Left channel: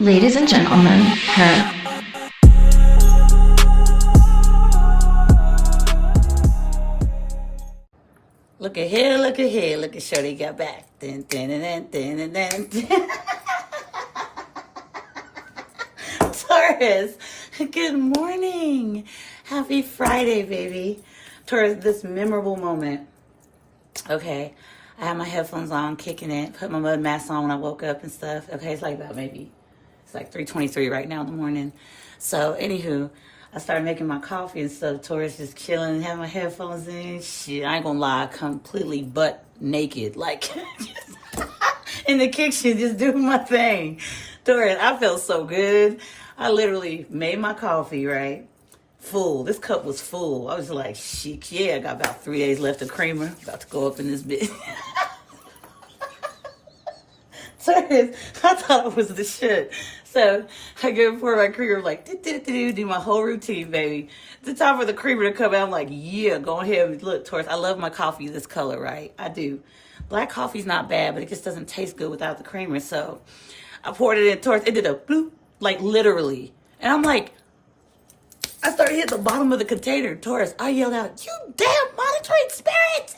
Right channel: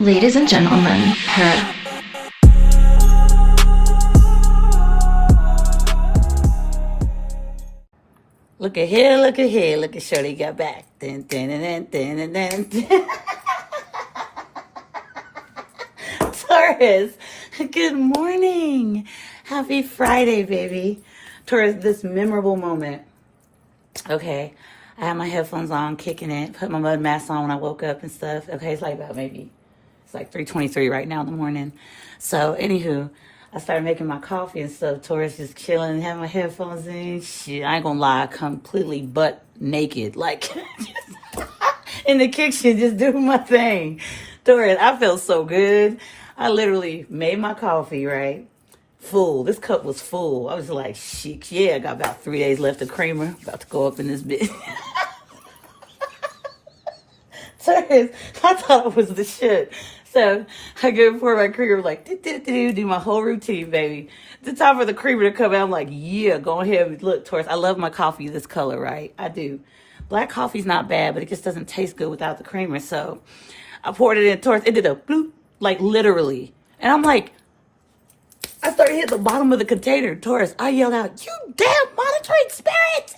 Ladies and gentlemen, her. Look at here, look at here, look at Shorty got back. Dun, dun, dun, dun, dun, dun. Taurus, good morning. Happy Friday, baby. Taurus, this memorable moment. Okay, I had my headphones on, kicking it, put my mud mask on when I woke up and stuff. Okay, it's like about maybe, it's like 3:23 right now in the morning. So, anywho, I started making my coffee and stuff. Taurus just chilling and having my headphones in. Shit, I ain't gonna lie, completely butt naked, like in the kitchen, just doing my thing. Taurus, I felt so good. I literally made my coffee, right? Full. This cup was full. I was like, shit, yeah, I got about 3 days left of creamer. About to go up in this bit. Taurus, I thought it was the shit. So I go pour my creamer, like, do my whole routine, baby. The time for the creamer to come out, I'm like, yeah, go ahead. Look, Taurus, I love my coffee this color, right? I do. Black coffee's not bad, but it just doesn't taste good without the creamer. So I poured it in, Taurus. It did a bloop, like literally. And I'm like, I started hitting the bottom of the container, Taurus. I yelled out, you damn monitoring spirits!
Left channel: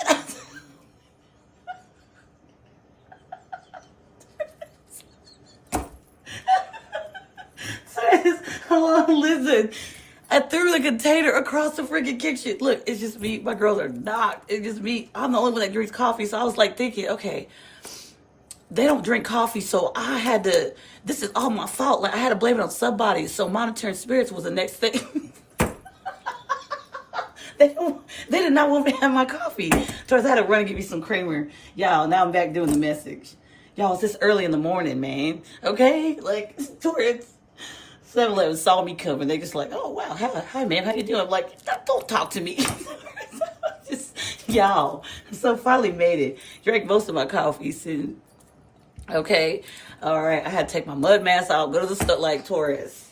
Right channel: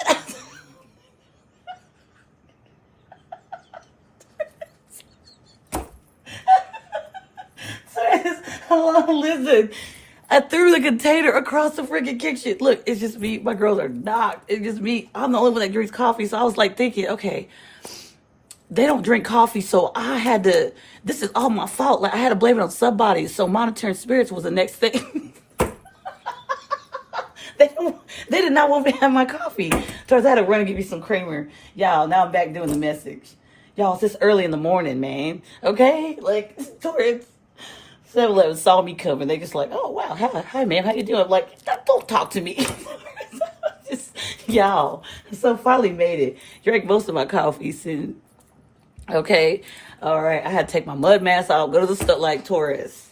Listen, I threw the container across the freaking kitchen. Look, it's just me. My girls are knocked. It's just me. I'm the only one that drinks coffee. So I was like thinking, okay, they don't drink coffee. So I had to, this is all my fault. Like I had to blame it on somebody. So monitoring spirits was the next thing. They did not want me to have my coffee. So I had to run and get me some creamer. Y'all, now I'm back doing the message. Y'all, it's this early in the morning, man. Okay? Like, Taurus. 7-Eleven saw me coming. They just like, oh, wow. Hi, man. How you doing? I'm like, don't talk to me. Y'all. So I finally made it. Drank most of my coffee soon. Okay. All right. I had to take my mud mask off. Go to the store like Taurus.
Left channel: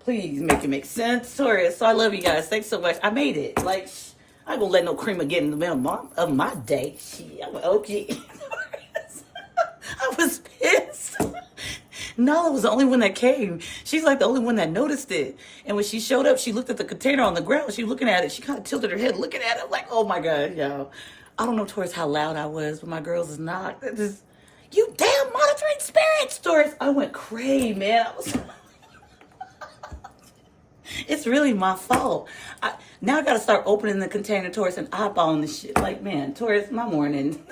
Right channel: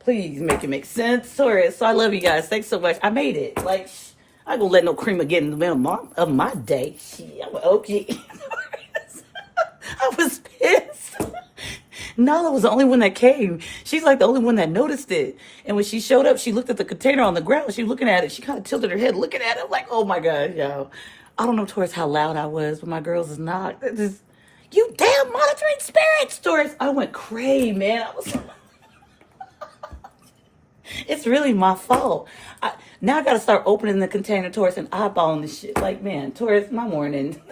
Please make it make sense. Taurus. So I love you guys. Thanks so much. I made it. Like, I ain't gonna let no creamer get in the middle of my day. I'm okay. I was pissed. Nala was the only one that came. She's like the only one that noticed it. And when she showed up, she looked at the container on the ground. She was looking at it. She kind of tilted her head looking at it. I'm like, oh my God, yo. I don't know, Taurus, how loud I was, but my girls is not. Just, you damn monitoring spirits, Taurus. I went cray, man. It's really my fault. Now I got to start opening the container, Taurus, and eyeballing this shit. Like, man, Taurus, my morning.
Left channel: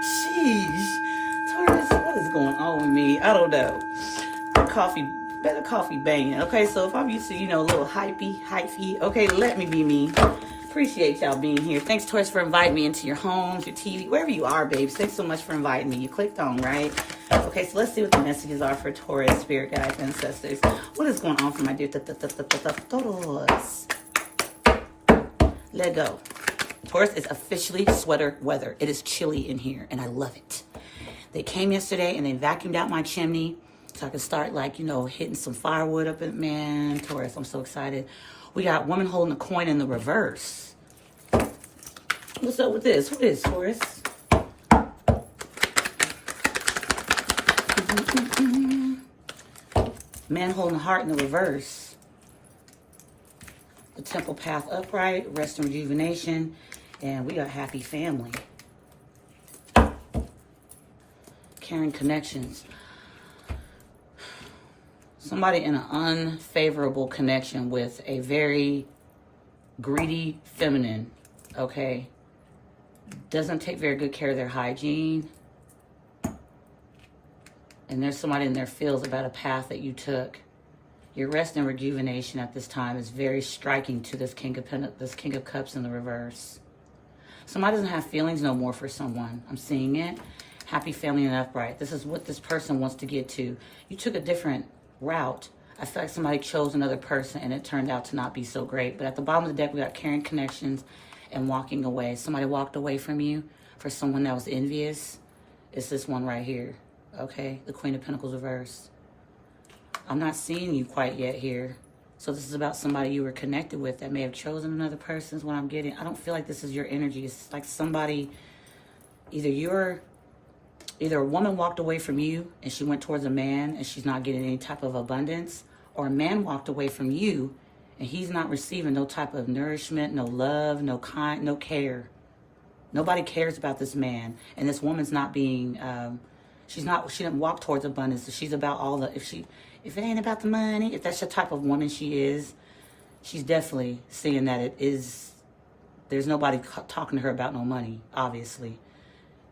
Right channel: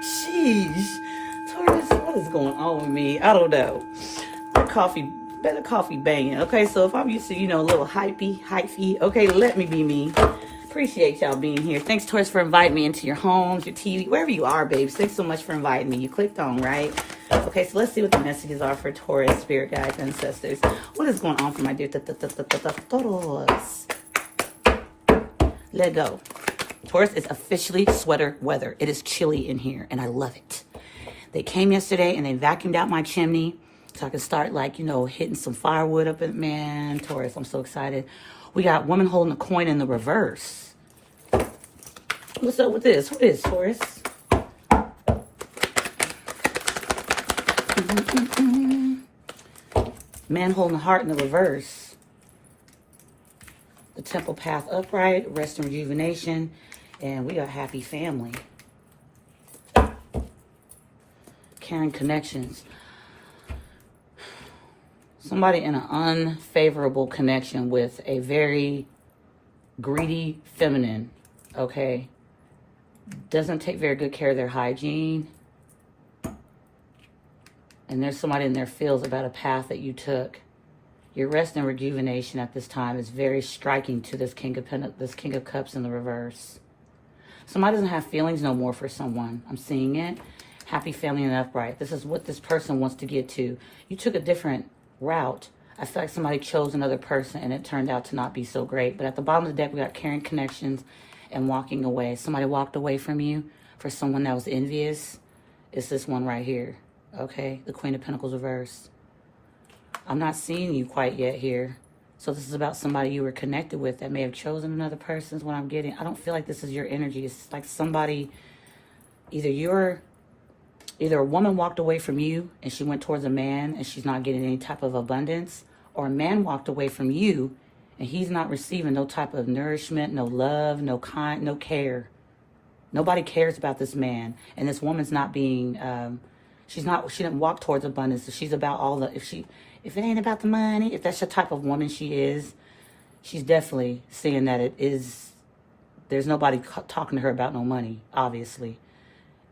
Sheesh. Taurus, what is going on with me? I don't know. Better coffee banging. Okay, so if I'm used to, a little hypey, okay, let me be me. Appreciate y'all being here. Thanks, Taurus, for inviting me into your homes, your TV, wherever you are, babes. Thanks so much for inviting me. You clicked on, right? Okay, so let's see what the messages are for Taurus, spirit guides, ancestors. What is going on for my dear Taurus? Let go. Taurus, it's officially sweater weather. It is chilly in here, and I love it. They came yesterday, and they vacuumed out my chimney so I could start, hitting some firewood up in, man, Taurus, I'm so excited. We got woman holding a coin in the reverse. What's up with this? What is Taurus? Man holding a heart in the reverse. The temple path upright, rest and rejuvenation. And we got happy family. Caring connections. Somebody in an unfavorable connection with a very greedy feminine, okay? Doesn't take very good care of their hygiene. And there's somebody in their feels about a path that you took. Your rest and rejuvenation at this time is very striking to this King of Cups in the reverse. Somebody doesn't have feelings no more for someone. I'm seeing it. Happy family and upright. This is what this person wants to get to. You took a different route. I feel like somebody chose another person and it turned out to not be so great. But at the bottom of the deck, we got caring connections and walking away. Somebody walked away from you for someone that was envious. It's this one right here. Okay, the Queen of Pentacles reverse. I'm not seeing you quite yet here. So this is about somebody you were connected with that may have chosen another person is what I'm getting. I don't feel like this is your energy. It's like somebody, either you're Either a woman walked away from you and she went towards a man and she's not getting any type of abundance, or a man walked away from you and he's not receiving no type of nourishment, no love, no care. Nobody cares about this man, and this woman's not being, she didn't walk towards abundance. So she's about all the, if it ain't about the money, if that's the type of woman she is, she's definitely seeing that there's nobody talking to her about no money, obviously.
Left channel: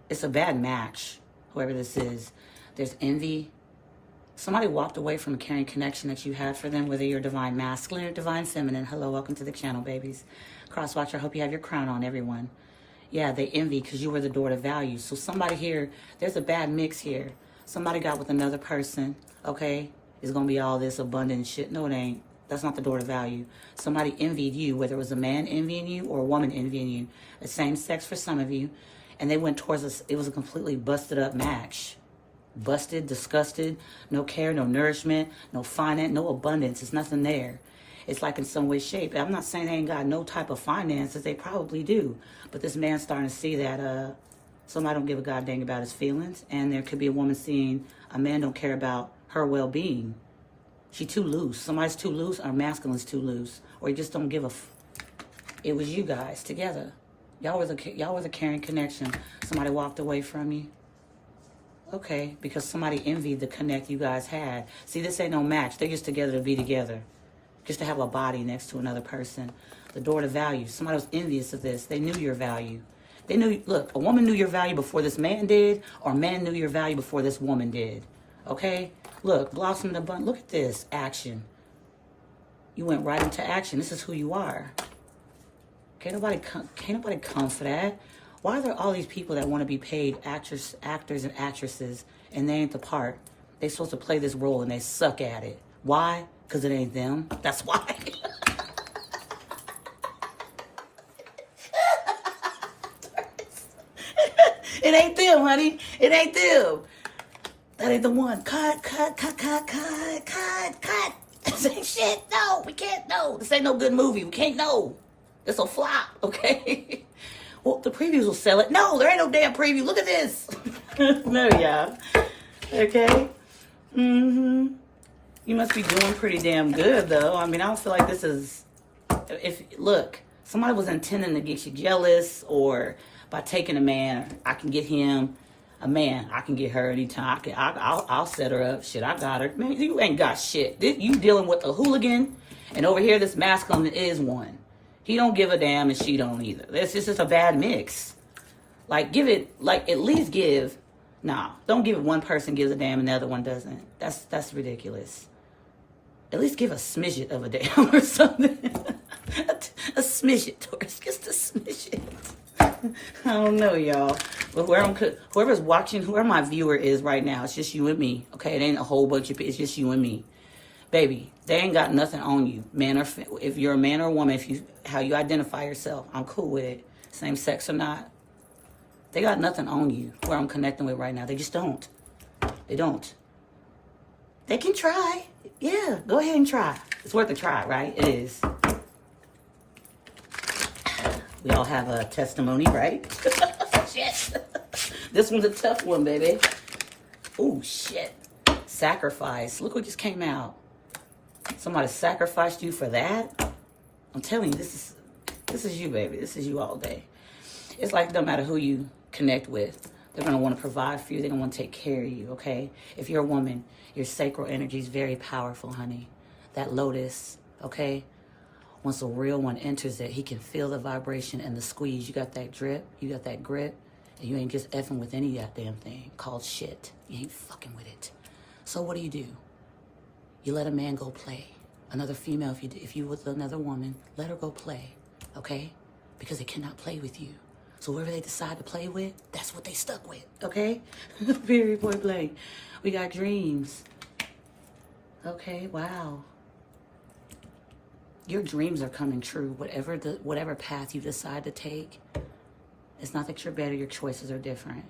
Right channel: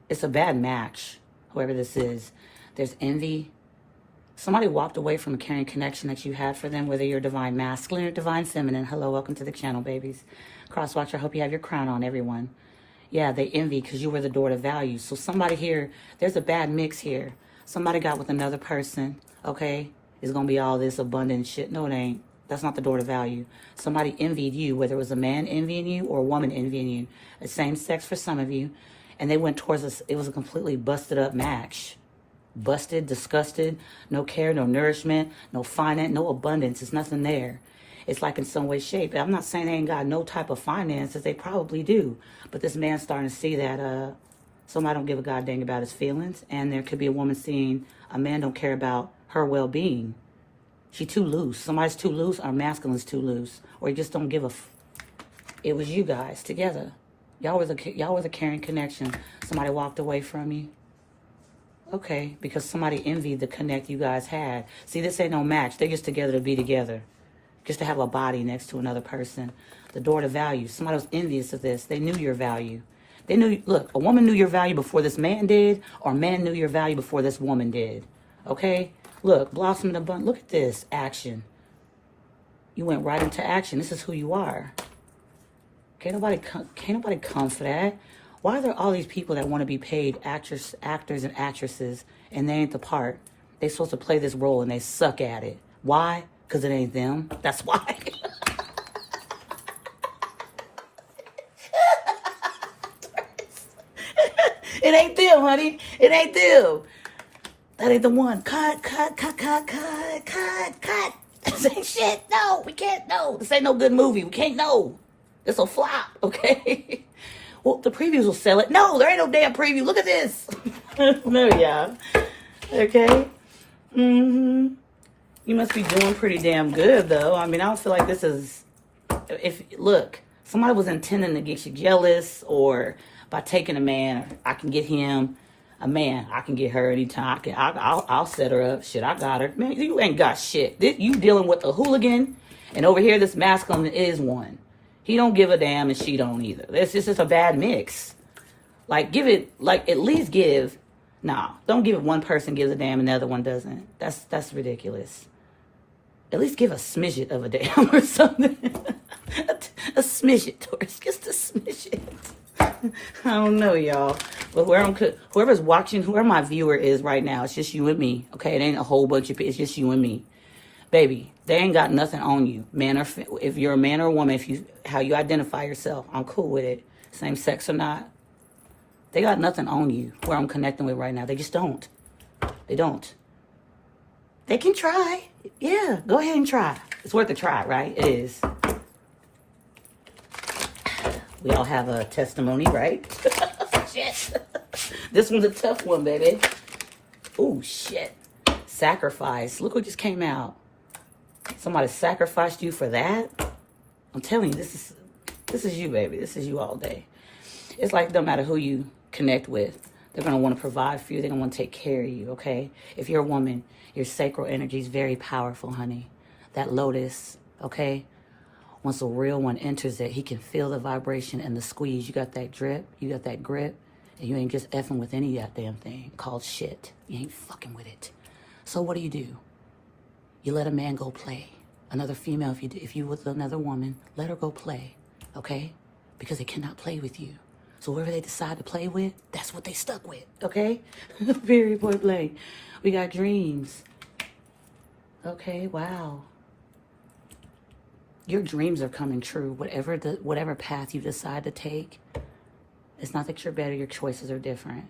It's a bad match, whoever this is. There's envy. Somebody walked away from a caring connection that you had for them, whether you're divine masculine or divine feminine. Hello, welcome to the channel, babies. Crosswatch, I hope you have your crown on, everyone. Yeah, they envy because you were the door to value. So somebody here, there's a bad mix here. Somebody got with another person, okay? It's going to be all this abundant shit. No, it ain't. That's not the door to value. Somebody envied you, whether it was a man envying you or a woman envying you. The same sex for some of you. And they went towards us. It was a completely busted up match. Busted, disgusted, no care, no nourishment, no finance, no abundance. There's nothing there. It's like in some way, shape. I'm not saying they ain't got no type of finances. They probably do. But this man's starting to see that somebody don't give a goddamn about his feelings. And there could be a woman seeing a man don't care about her well-being. She too loose. Somebody's too loose, or masculine's too loose. Or you just don't give a It was you guys together. Y'all were the caring connection. Somebody walked away from you. Okay, because somebody envied the connect you guys had. See, this ain't no match. They're just together to be together. Just to have a body next to another person. The door to value. Somebody was envious of this. They knew your value. They knew, look, a woman knew your value before this man did, or a man knew your value before this woman did. Okay? Look, blossom the bun. Look at this action. You went right into action. This is who you are. Can't nobody come for that. Why are there all these people that want to be paid actors and actresses, and they ain't the part? They supposed to play this role and they suck at it. Why? Because it ain't them. That's why. It ain't them, honey. It ain't them. That ain't the one. Cut. This ain't shit. No, we can't know. This ain't no good movie. We can't know. It's a flop, okay? Well, the previews will sell it. No, there ain't no damn preview. Look at this. No, yeah. Okay? Mm-hmm. You must be doing pretty damn good, though. I mean, I don't feel like this is... Look, somebody was intending to get you jealous, or by taking a man, I can get him. A man, I can get her anytime. I'll set her up. Shit, I got her. Man, you ain't got shit. You dealing with a hooligan, and over here, this masculine is one. He don't give a damn, and she don't either. This is a bad mix. Like, give it, like, at least give. No, don't give it one person gives a damn and the other one doesn't. That's ridiculous. At least give a smidget of a damn or something. a smidget, Taurus. Just a smidget. I don't know, y'all. But whoever's watching, whoever my viewer is right now, it's just you and me. Okay, it ain't a whole bunch of people. It's just you and me. Baby, they ain't got nothing on you, man, or if you're a man or a woman, how you identify yourself, I'm cool with it. Same sex or not. They got nothing on you, where I'm connecting with right now. They just don't. They don't. They can try. Yeah, go ahead and try. It's worth a try, right? It is. We all have a testimony, right? Shit. This one's a tough one, baby. Oh, shit. Sacrifice. Look what just came out. Somebody sacrificed you for that? I'm telling you, this is you, baby. This is you all day. It's like, no matter who you connect with, they're going to want to provide for you. They're going to want to take care of you, okay? If you're a woman, your sacral energy is very powerful, honey. That lotus, okay? Once a real one enters it, he can feel the vibration and the squeeze. You got that drip, you got that grip, and you ain't just effing with any goddamn thing called shit. You ain't fucking with it. So what do? You let a man go play. Another female, if you with another woman, let her go play, okay? Because they cannot play with you. So whoever they decide to play with, that's what they stuck with, okay? Very point blank. We got dreams. Okay, wow. Your dreams are coming true. Whatever path you decide to take, it's not that you're better, your choices are different,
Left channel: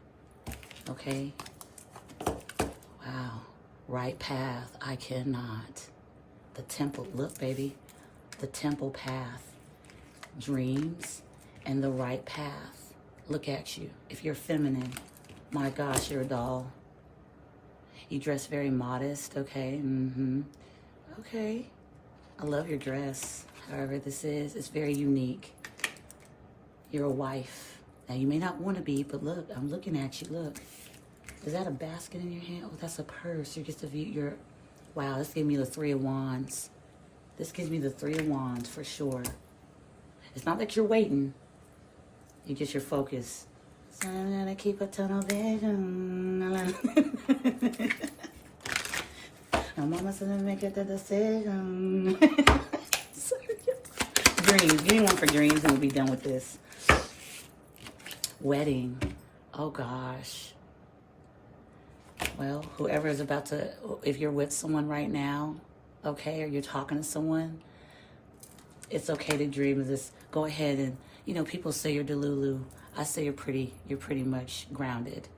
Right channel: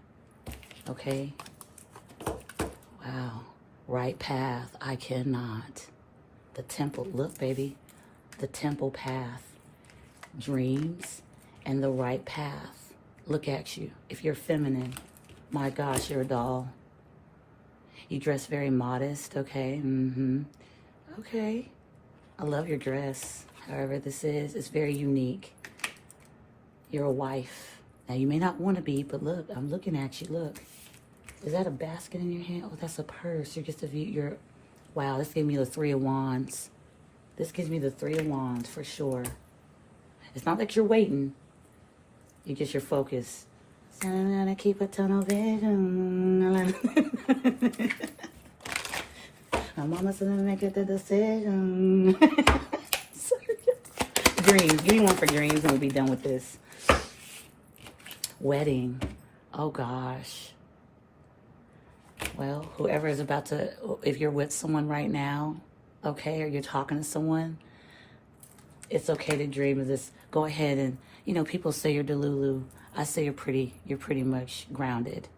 okay? Wow. Right path, I cannot. The temple, look, baby. The temple path. Dreams and the right path. Look at you. If you're feminine, My gosh, you're a doll. You dress very modest, okay? Okay. I love your dress. However this is, it's very unique. You're a wife. Now, you may not want to be, but look, I'm looking at you. Look. Is that a basket in your hand? Oh, that's a purse. You're just a view. Wow, this gave me the Three of Wands. This gives me the Three of Wands for sure. It's not like you're waiting. You get your focus. So I'm gonna keep a tunnel vision. I'm almost gonna make it the decision. Dreams. Give me one for dreams and we'll be done with this. Wedding. Oh gosh. Well, whoever is about to, if you're with someone right now, okay, or you're talking to someone, it's okay to dream of this. Go ahead and, you know, people say you're delulu. I say you're pretty much grounded.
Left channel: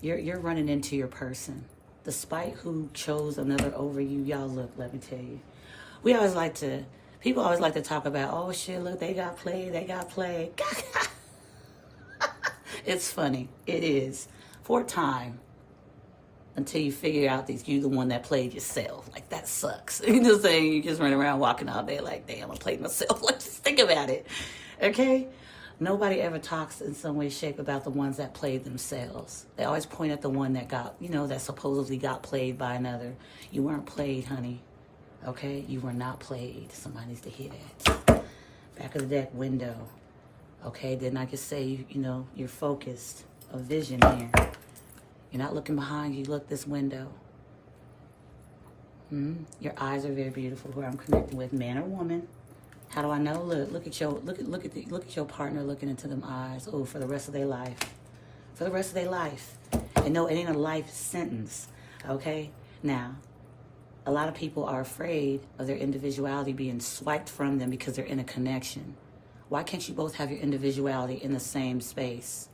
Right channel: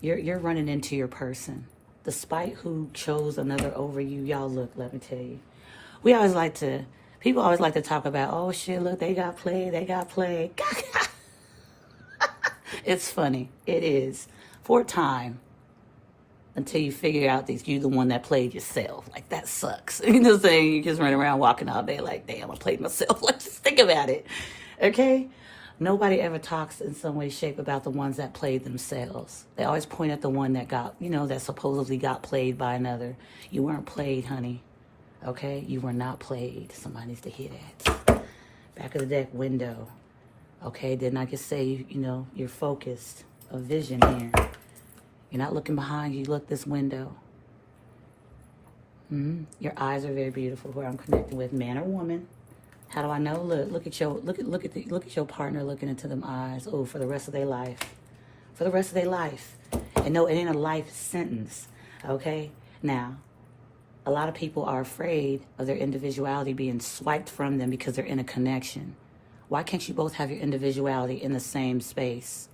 You're running into your person. Despite who chose another over you, y'all, look, let me tell you. People always like to talk about, oh shit, look, they got played. It's funny. It is. For a time. Until you figure out that you're the one that played yourself. Like, that sucks. You know what I'm saying? You just run around walking all day like, damn, I played myself. Let's just think about it. Okay? Nobody ever talks in some way, shape about the ones that played themselves. They always point at the one that got, you know, that supposedly got played by another. You weren't played, honey. Okay? You were not played. Somebody needs to hear that. Back of the deck, window. Okay? Didn't I just say, you know, you're focused. A vision here. You're not looking behind you. Look this window. Your eyes are very beautiful. Who I'm connecting with, man or woman. How do I know? Look at your partner looking into them eyes. Oh, for the rest of their life. For the rest of their life. And no, it ain't a life sentence. Okay? Now, a lot of people are afraid of their individuality being swiped from them because they're in a connection. Why can't you both have your individuality in the same space?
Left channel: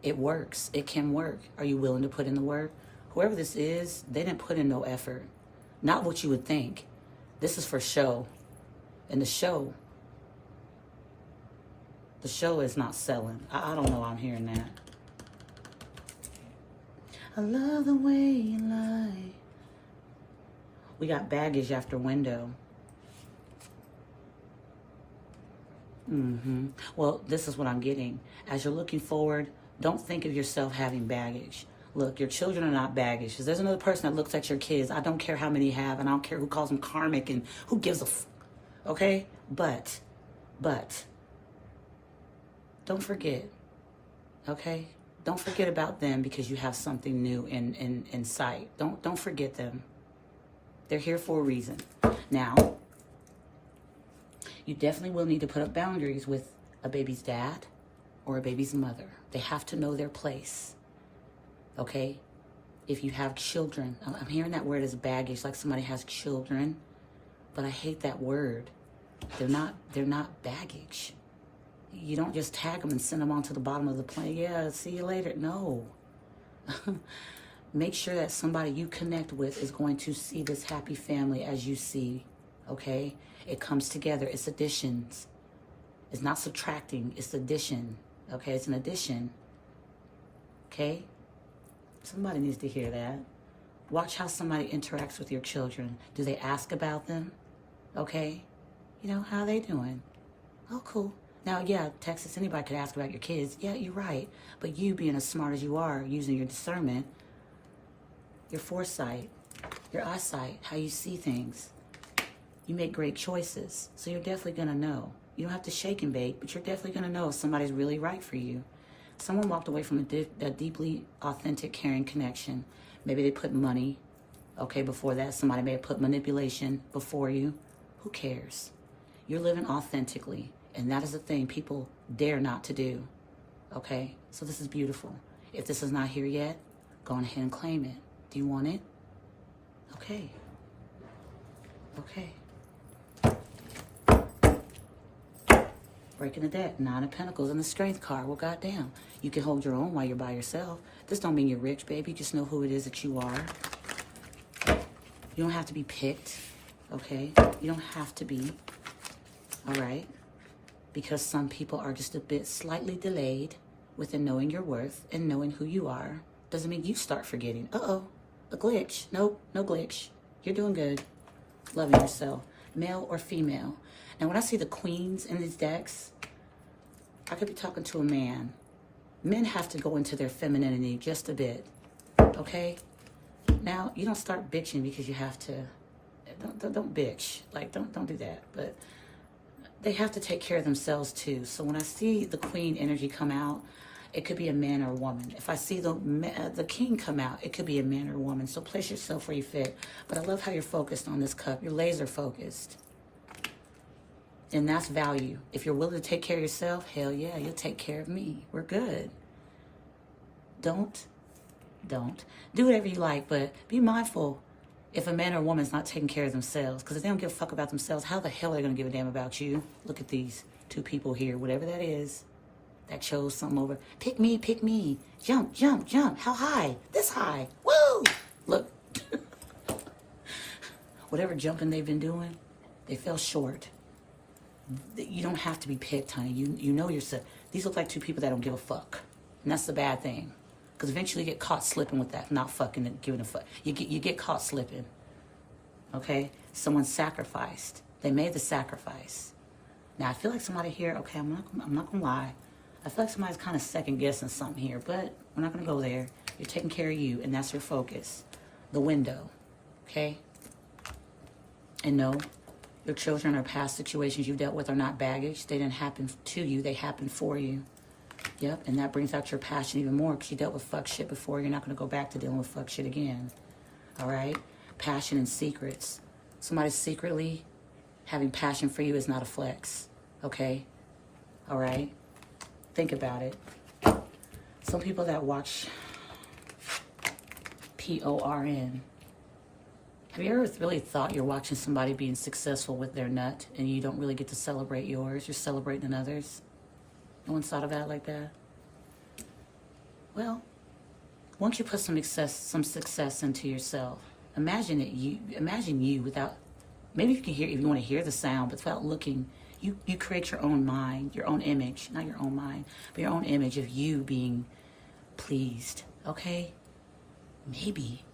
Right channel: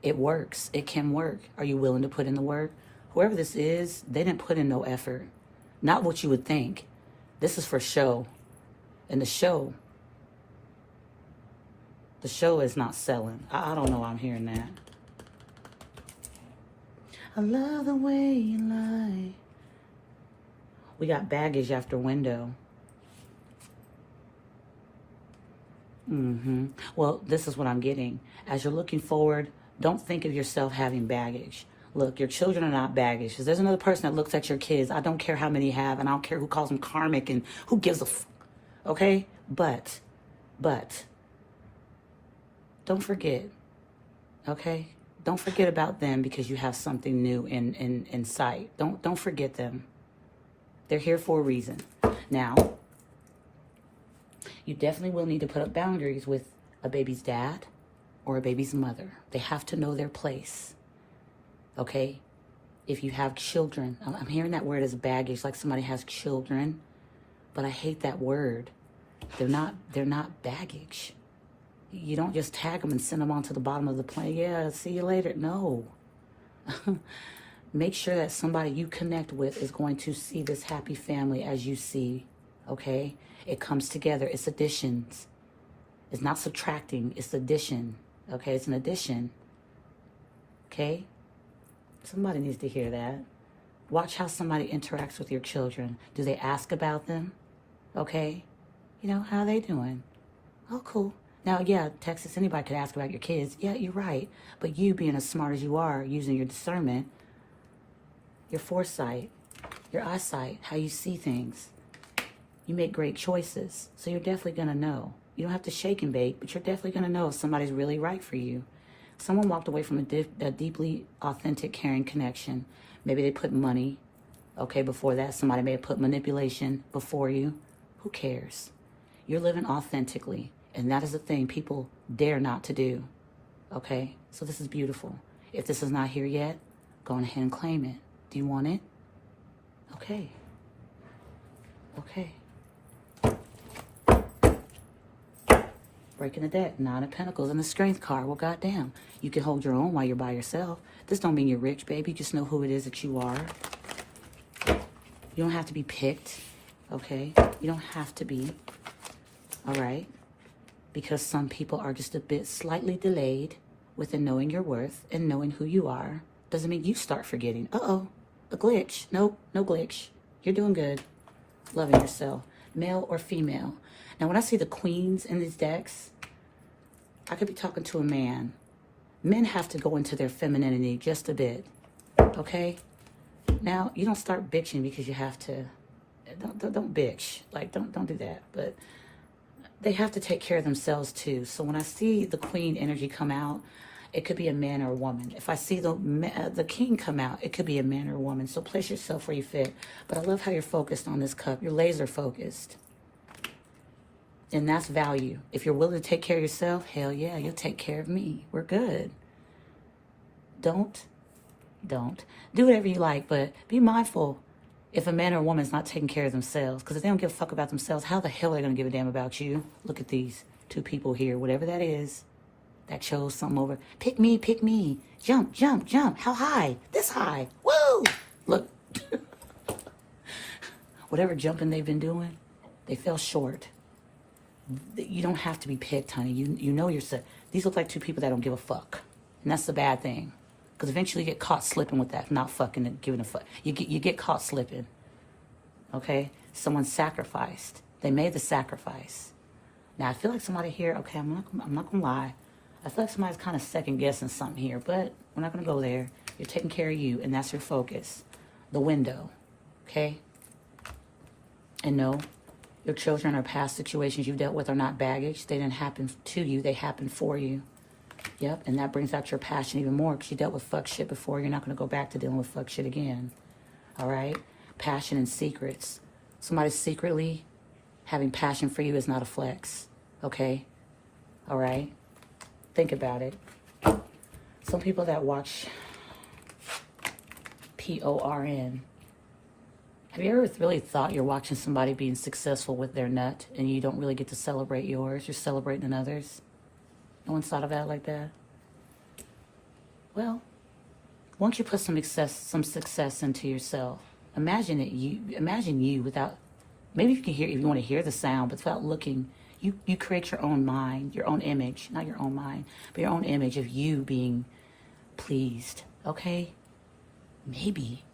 It works. It can work. Are you willing to put in the work? Whoever this is, they didn't put in no effort. Not what you would think. This is for show. And the show is not selling. I don't know why I'm hearing that. I love the way you lie. We got baggage after window. Well, this is what I'm getting. As you're looking forward, don't think of yourself having baggage. Look, your children are not baggage. Because there's another person that looks at your kids. I don't care how many you have, and I don't care who calls them karmic and who gives a okay? But, don't forget, okay? Don't forget about them because you have something new in sight. Don't forget them. They're here for a reason. Now, you definitely will need to put up boundaries with a baby's dad or a baby's mother. They have to know their place, okay? If you have children, I'm hearing that word as baggage, like somebody has children, but I hate that word. They're not baggage. You don't just tag them and send them onto the bottom of the plane. Yeah, see you later. No. Make sure that somebody you connect with is going to see this happy family as you see, okay? It comes together. It's additions. It's not subtracting. It's addition, okay? It's an addition, okay? Somebody needs to hear that. Watch how somebody interacts with your children. Do they ask about them, okay? You know, how are they doing? Oh, cool. Now, yeah, Texas, anybody could ask about your kids. Yeah, you're right. But you being as smart as you are, using your discernment, your foresight, your eyesight, how you see things, you make great choices. So you're definitely going to know. You don't have to shake and bake, but you're definitely going to know if somebody's really right for you. Someone walked away from a deeply authentic, caring connection. Maybe they put money, okay, before that. Somebody may have put manipulation before you. Who cares? You're living authentically. And that is the thing people dare not to do, okay? So this is beautiful. If this is not here yet, go on ahead and claim it. Do you want it? Okay. Okay. Breaking the deck, Nine of Pentacles and the Strength card. Well, goddamn. You can hold your own while you're by yourself. This don't mean you're rich, baby. Just know who it is that you are. You don't have to be picked, okay? You don't have to be, all right? Because some people are just a bit slightly delayed, within knowing your worth and knowing who you are doesn't mean you start forgetting. Uh-oh, a glitch. Nope, no glitch. You're doing good. Loving yourself, male or female. Now, when I see the queens in these decks, I could be talking to a man. Men have to go into their femininity just a bit, okay? Now, you don't start bitching because you have to. Don't bitch. Like, don't do that. But they have to take care of themselves too. So when I see the queen energy come out, it could be a man or a woman. If I see the king come out, it could be a man or a woman. So place yourself where you fit. But I love how you're focused on this cup. You're laser focused. And that's value. If you're willing to take care of yourself, hell yeah, you'll take care of me. We're good. Don't. Do whatever you like, but be mindful if a man or a woman is not taking care of themselves. Because if they don't give a fuck about themselves, how the hell are they going to give a damn about you? Look at these two people here, whatever that is, that chose something over. Pick me, pick me. Jump, jump, jump. How high? This high. Woo! Look. Whatever jumping they've been doing, they fell short. You don't have to be picked, honey. You know yourself. These look like two people that don't give a fuck. And that's the bad thing. Because eventually you get caught slipping with that, not fucking and giving a fuck. You get caught slipping. Okay? Someone sacrificed. They made the sacrifice. Now, I feel like somebody here, okay, I'm not going to lie. I feel like somebody's kind of second-guessing something here, but we're not going to go there. You're taking care of you, and that's your focus. The window. Okay? And no, your children or past situations you dealt with are not baggage. They didn't happen to you. They happened for you. Yep, and that brings out your passion even more because you dealt with fuck shit before. You're not going to go back to dealing with fuck shit again. All right? Passion and secrets. Somebody secretly having passion for you is not a flex. Okay? All right? Think about it. Some people that watch PORN, have you ever really thought you're watching somebody being successful with their nut and you don't really get to celebrate yours? You're celebrating others? No one's thought of that like that? Well, once you put some success into yourself, imagine you without, maybe you can hear, if you want to hear the sound, but without looking, you create your own mind, your own image, not your own mind, but your own image of you being pleased, okay? Maybe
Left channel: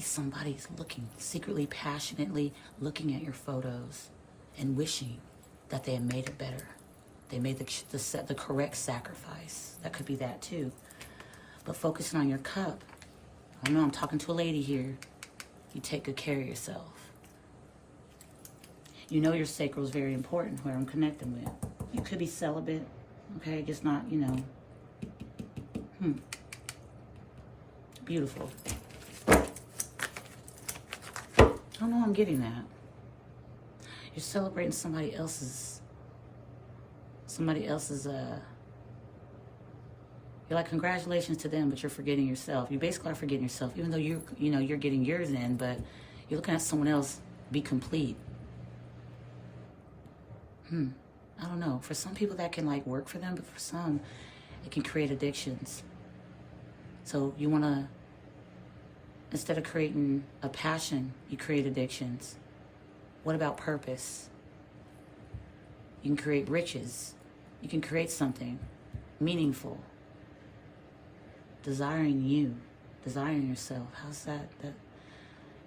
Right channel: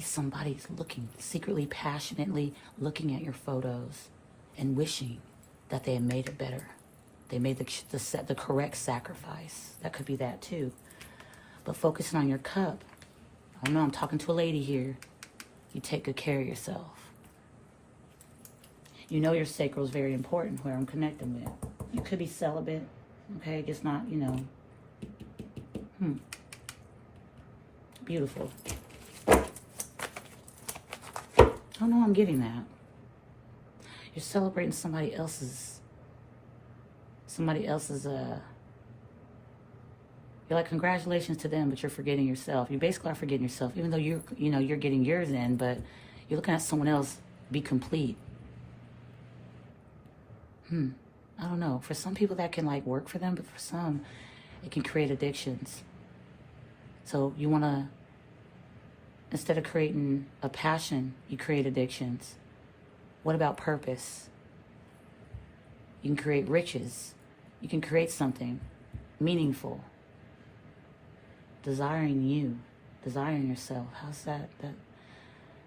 somebody's looking, secretly, passionately looking at your photos and wishing that they had made it better. They made the correct sacrifice. That could be that too. But focusing on your cup. I know I'm talking to a lady here. You take good care of yourself. You know your sacral is very important, where I'm connecting with. You could be celibate, okay? Just not, Beautiful. I don't know, I'm getting that. You're celebrating somebody else's, you're like, congratulations to them, but you're forgetting yourself. You basically are forgetting yourself, even though you're getting yours in, but you're looking at someone else be complete. I don't know. For some people that can like work for them, but for some, it can create addictions. So you want to, instead of creating a passion, you create addictions. What about purpose? You can create riches. You can create something meaningful. Desiring you, desiring yourself. How's that?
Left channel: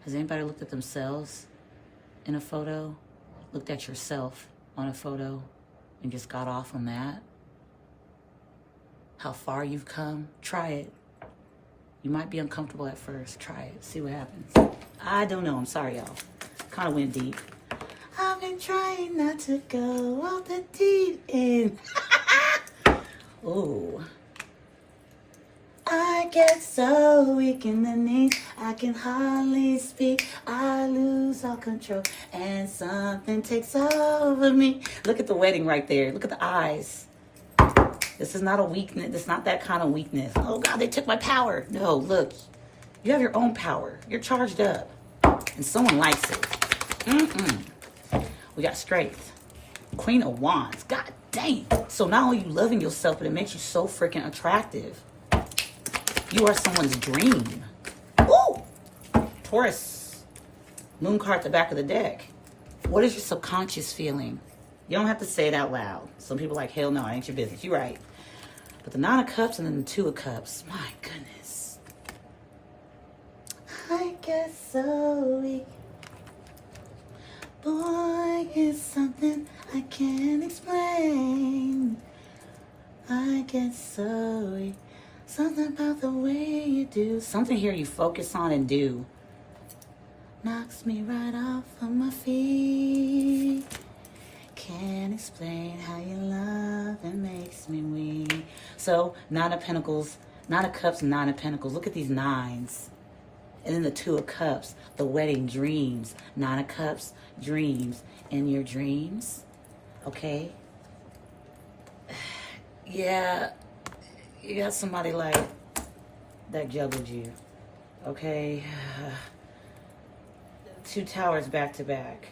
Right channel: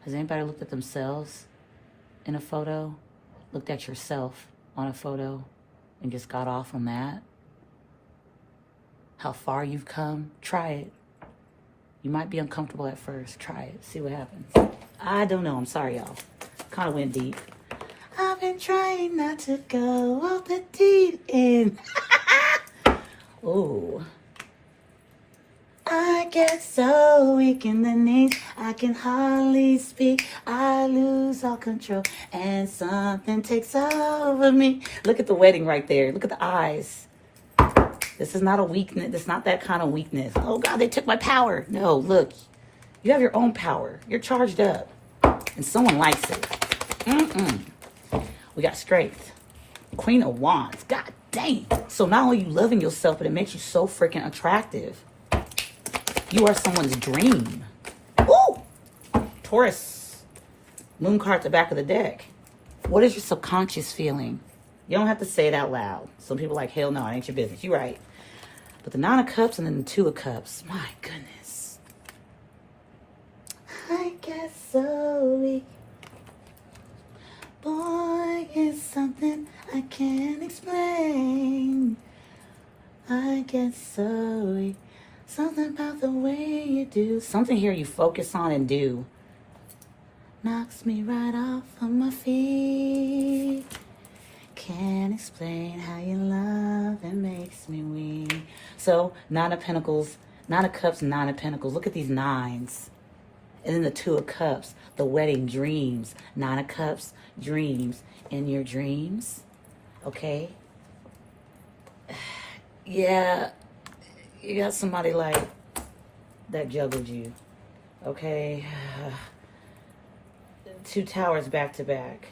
Has anybody looked at themselves in a photo? Looked at yourself on a photo and just got off on that? How far you've come? Try it. You might be uncomfortable at first. Try it. See what happens. I don't know. I'm sorry, y'all. Kind of went deep. I've been trying not to go off the deep end. Ooh. I get so weak in the knees, I can hardly speak. I lose all control, and something takes over me. Look at the wedding right there. Look at the eyes. This is not a weakness. This is not that kind of weakness. Oh, God, they took my power. No, look. You have your own power. You're charged up, and someone likes it. We got strength. Queen of Wands. God dang. So not only you loving yourself, but it makes you so freaking attractive. You are someone's dream. Ooh! Taurus. Moon card at the back of the deck. What is your subconscious feeling? You don't have to say it out loud. Some people are like, hell no, it ain't your business. You're right. But the Nine of Cups and then the Two of Cups. My goodness. I get so weak. Boy, it's something I can't explain. I get so weak. Something about the way you do. Something here you focus on and do. Knocks me right off of my feet. Can't explain how you love and makes me weak. So, Nine of Pentacles, Nine of Cups, Nine of Pentacles. Look at these nines. And then the Two of Cups, the wedding dreams. Nine of Cups, dreams. In your dreams, okay? Yeah, you got somebody like that juggled you, okay? Two towers back to back.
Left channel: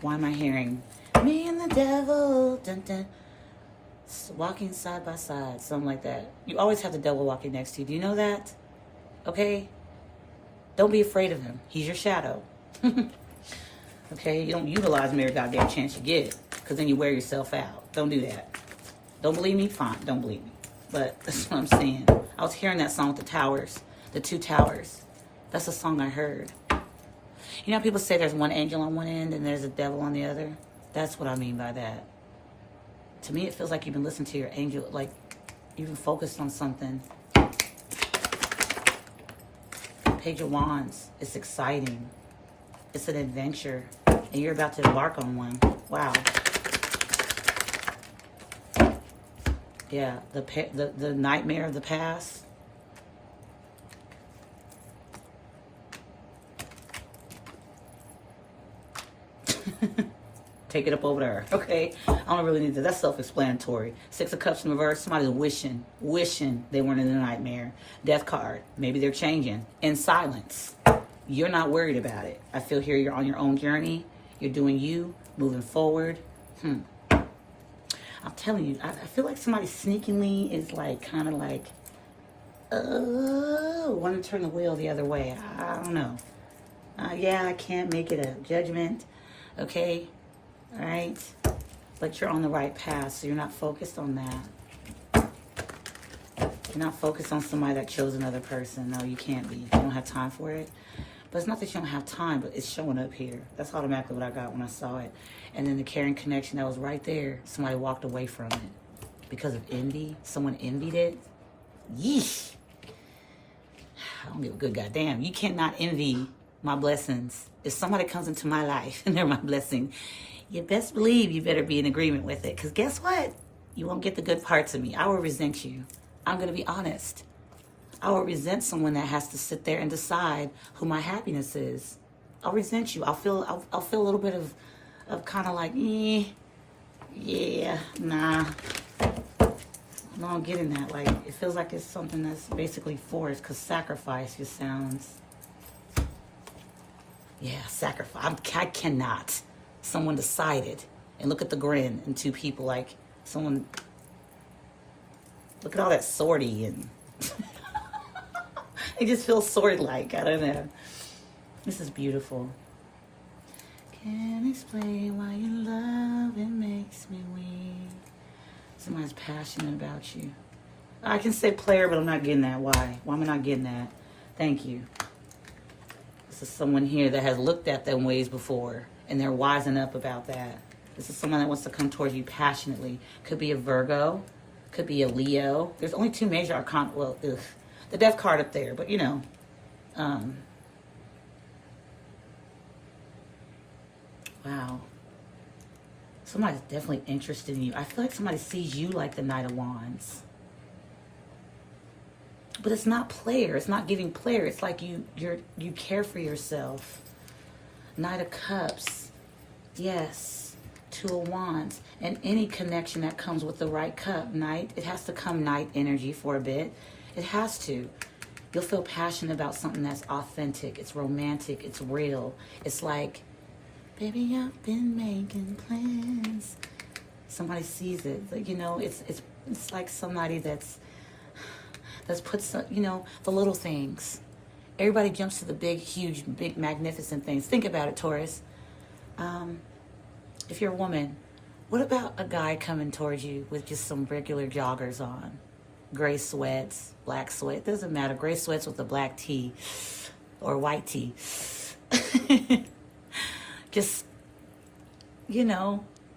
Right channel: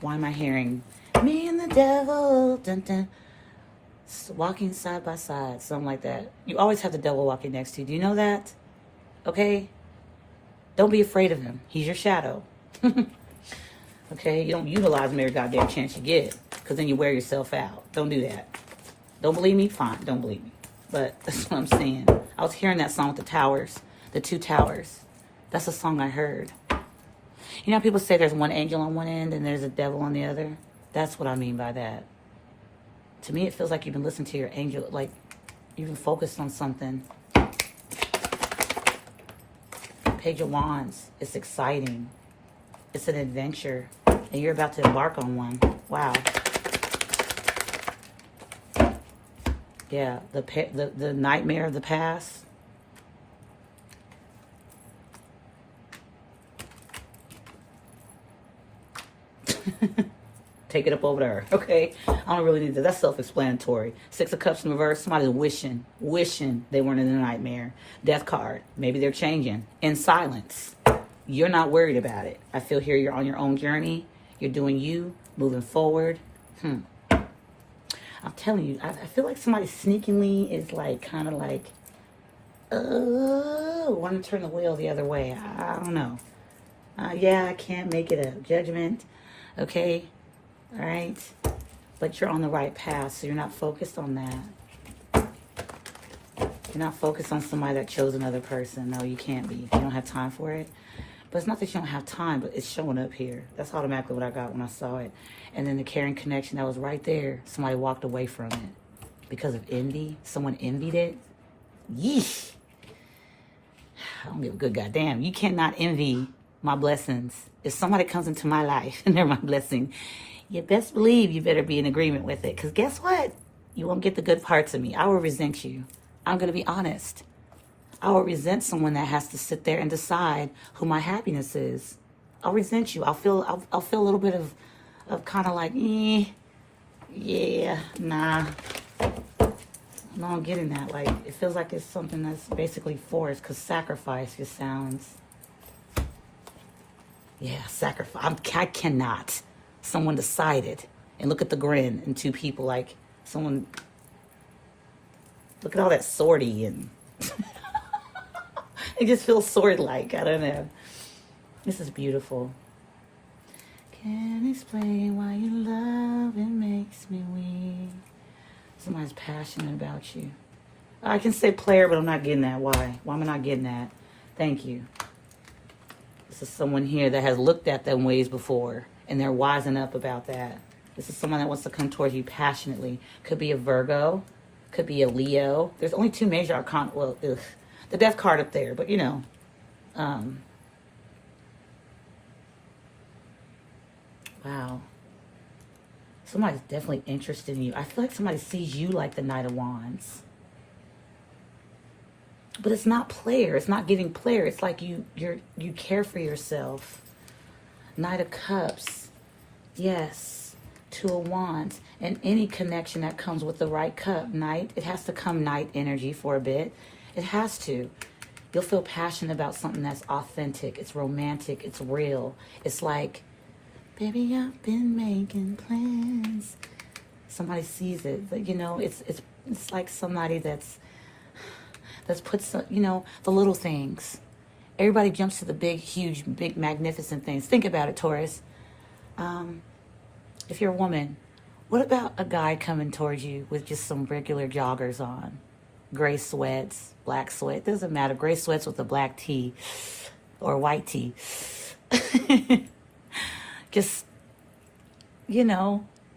Why am I hearing me and the devil, dun, dun, walking side by side, something like that? You always have the devil walking next to you. Do you know that? Okay? Don't be afraid of him. He's your shadow. Okay? You don't utilize him every goddamn chance you get, because then you wear yourself out. Don't do that. Don't believe me? Fine. Don't believe me. But that's what I'm saying. I was hearing that song with the towers, the two towers. That's a song I heard. You know, people say there's one angel on one end and there's a devil on the other. That's what I mean by that. To me, it feels like you've been listening to your angel, like you've been focused on something. Page of Wands. It's exciting. It's an adventure. And you're about to embark on one. Wow. Yeah, the nightmare of the past. Take it up over there, okay? I don't really need that. That's self-explanatory. Six of Cups in reverse. Somebody's wishing they weren't in a nightmare. Death card. Maybe they're changing. In silence. You're not worried about it. I feel here you're on your own journey. You're doing you, moving forward. I'm telling you, I feel like somebody sneakingly is like, kind of like, want to turn the wheel the other way. I don't know. Yeah, I can't make it a judgment. Okay? All right? But you're on the right path, so you're not focused on that. You're not focused on somebody that chose another person. No, you can't be. You don't have time for it. But it's not that you don't have time, but it's showing up here. That's automatically what I got when I saw it. And then the caring connection that was right there, somebody walked away from it because of envy. Someone envied it. Yeesh. I don't give a good goddamn. You cannot envy my blessings. If somebody comes into my life and they're my blessing, you best believe you better be in agreement with it. Because guess what? You won't get the good parts of me. I will resent you. I'm going to be honest. I will resent someone that has to sit there and decide who my happiness is. I'll resent you. I'll feel a little bit of kind of like, yeah, nah. No, I'm getting that. Like, it feels like it's something that's basically forced, because sacrifice just sounds, yeah, sacrifice. I cannot. Someone decided, and look at the grin in two people, like someone, look at all that swordy, and it just feels sword-like. I don't know. This is beautiful. Can't explain why you love, it makes me weak. Somebody's passionate about you. I can say player, but I'm not getting that. Why? Why am I not getting that? Thank you. This is someone here that has looked at them ways before, and they're wising up about that. This is someone that wants to come towards you passionately. Could be a Virgo. Could be a Leo. There's only two major arcana. Well, the death card up there, but you know. Wow. Somebody's definitely interested in you. I feel like somebody sees you like the Knight of Wands. But it's not player. It's not giving player. It's like you care for yourself. Knight of Cups. Yes. Two of Wands. And any connection that comes with the right cup. Knight. It has to come Knight energy for a bit. It has to. You'll feel passionate about something that's authentic. It's romantic. It's real. It's like, baby, I've been making plans. Somebody sees it. You know, it's like somebody that's put some, you know, the little things. Everybody jumps to the big, huge, big, magnificent things. Think about it, Taurus. If you're a woman, what about a guy coming towards you with just some regular joggers on? gray sweats, black sweat. Doesn't matter. Gray sweats with a black tee or white tee. Just,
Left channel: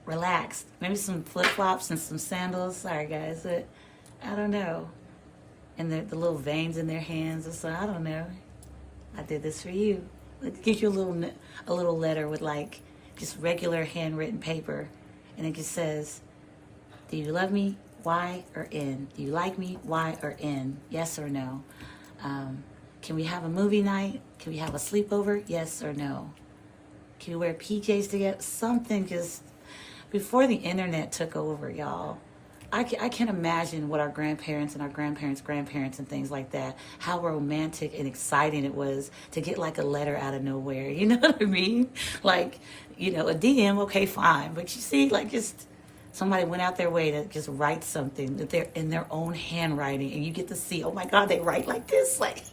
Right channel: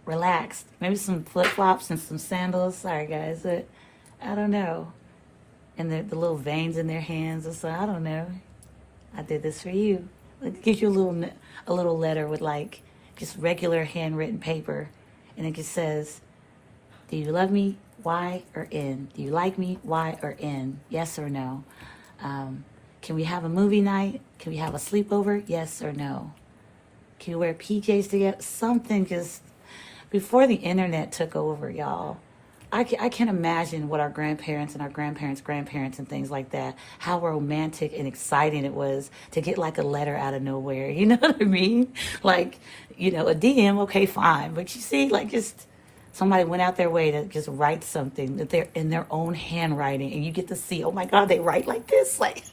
relaxed. Maybe some flip-flops and some sandals. Sorry, guys. I don't know. And the little veins in their hands. So I don't know. I did this for you. It gives you a little letter with like just regular handwritten paper. And it just says, do you love me? Y or N? Do you like me? Y or N? Yes or no? Can we have a movie night? Can we have a sleepover? Yes or no? Can we wear PJs together? Something, because before the internet took over, y'all, I can't imagine what our grandparents and our grandparents' grandparents and things like that, how romantic and exciting it was to get like a letter out of nowhere. You know what I mean? Like, a DM, okay, fine. But you see, like, just somebody went out their way to just write something that they're in their own handwriting, and you get to see, oh my God, they write like this. Like,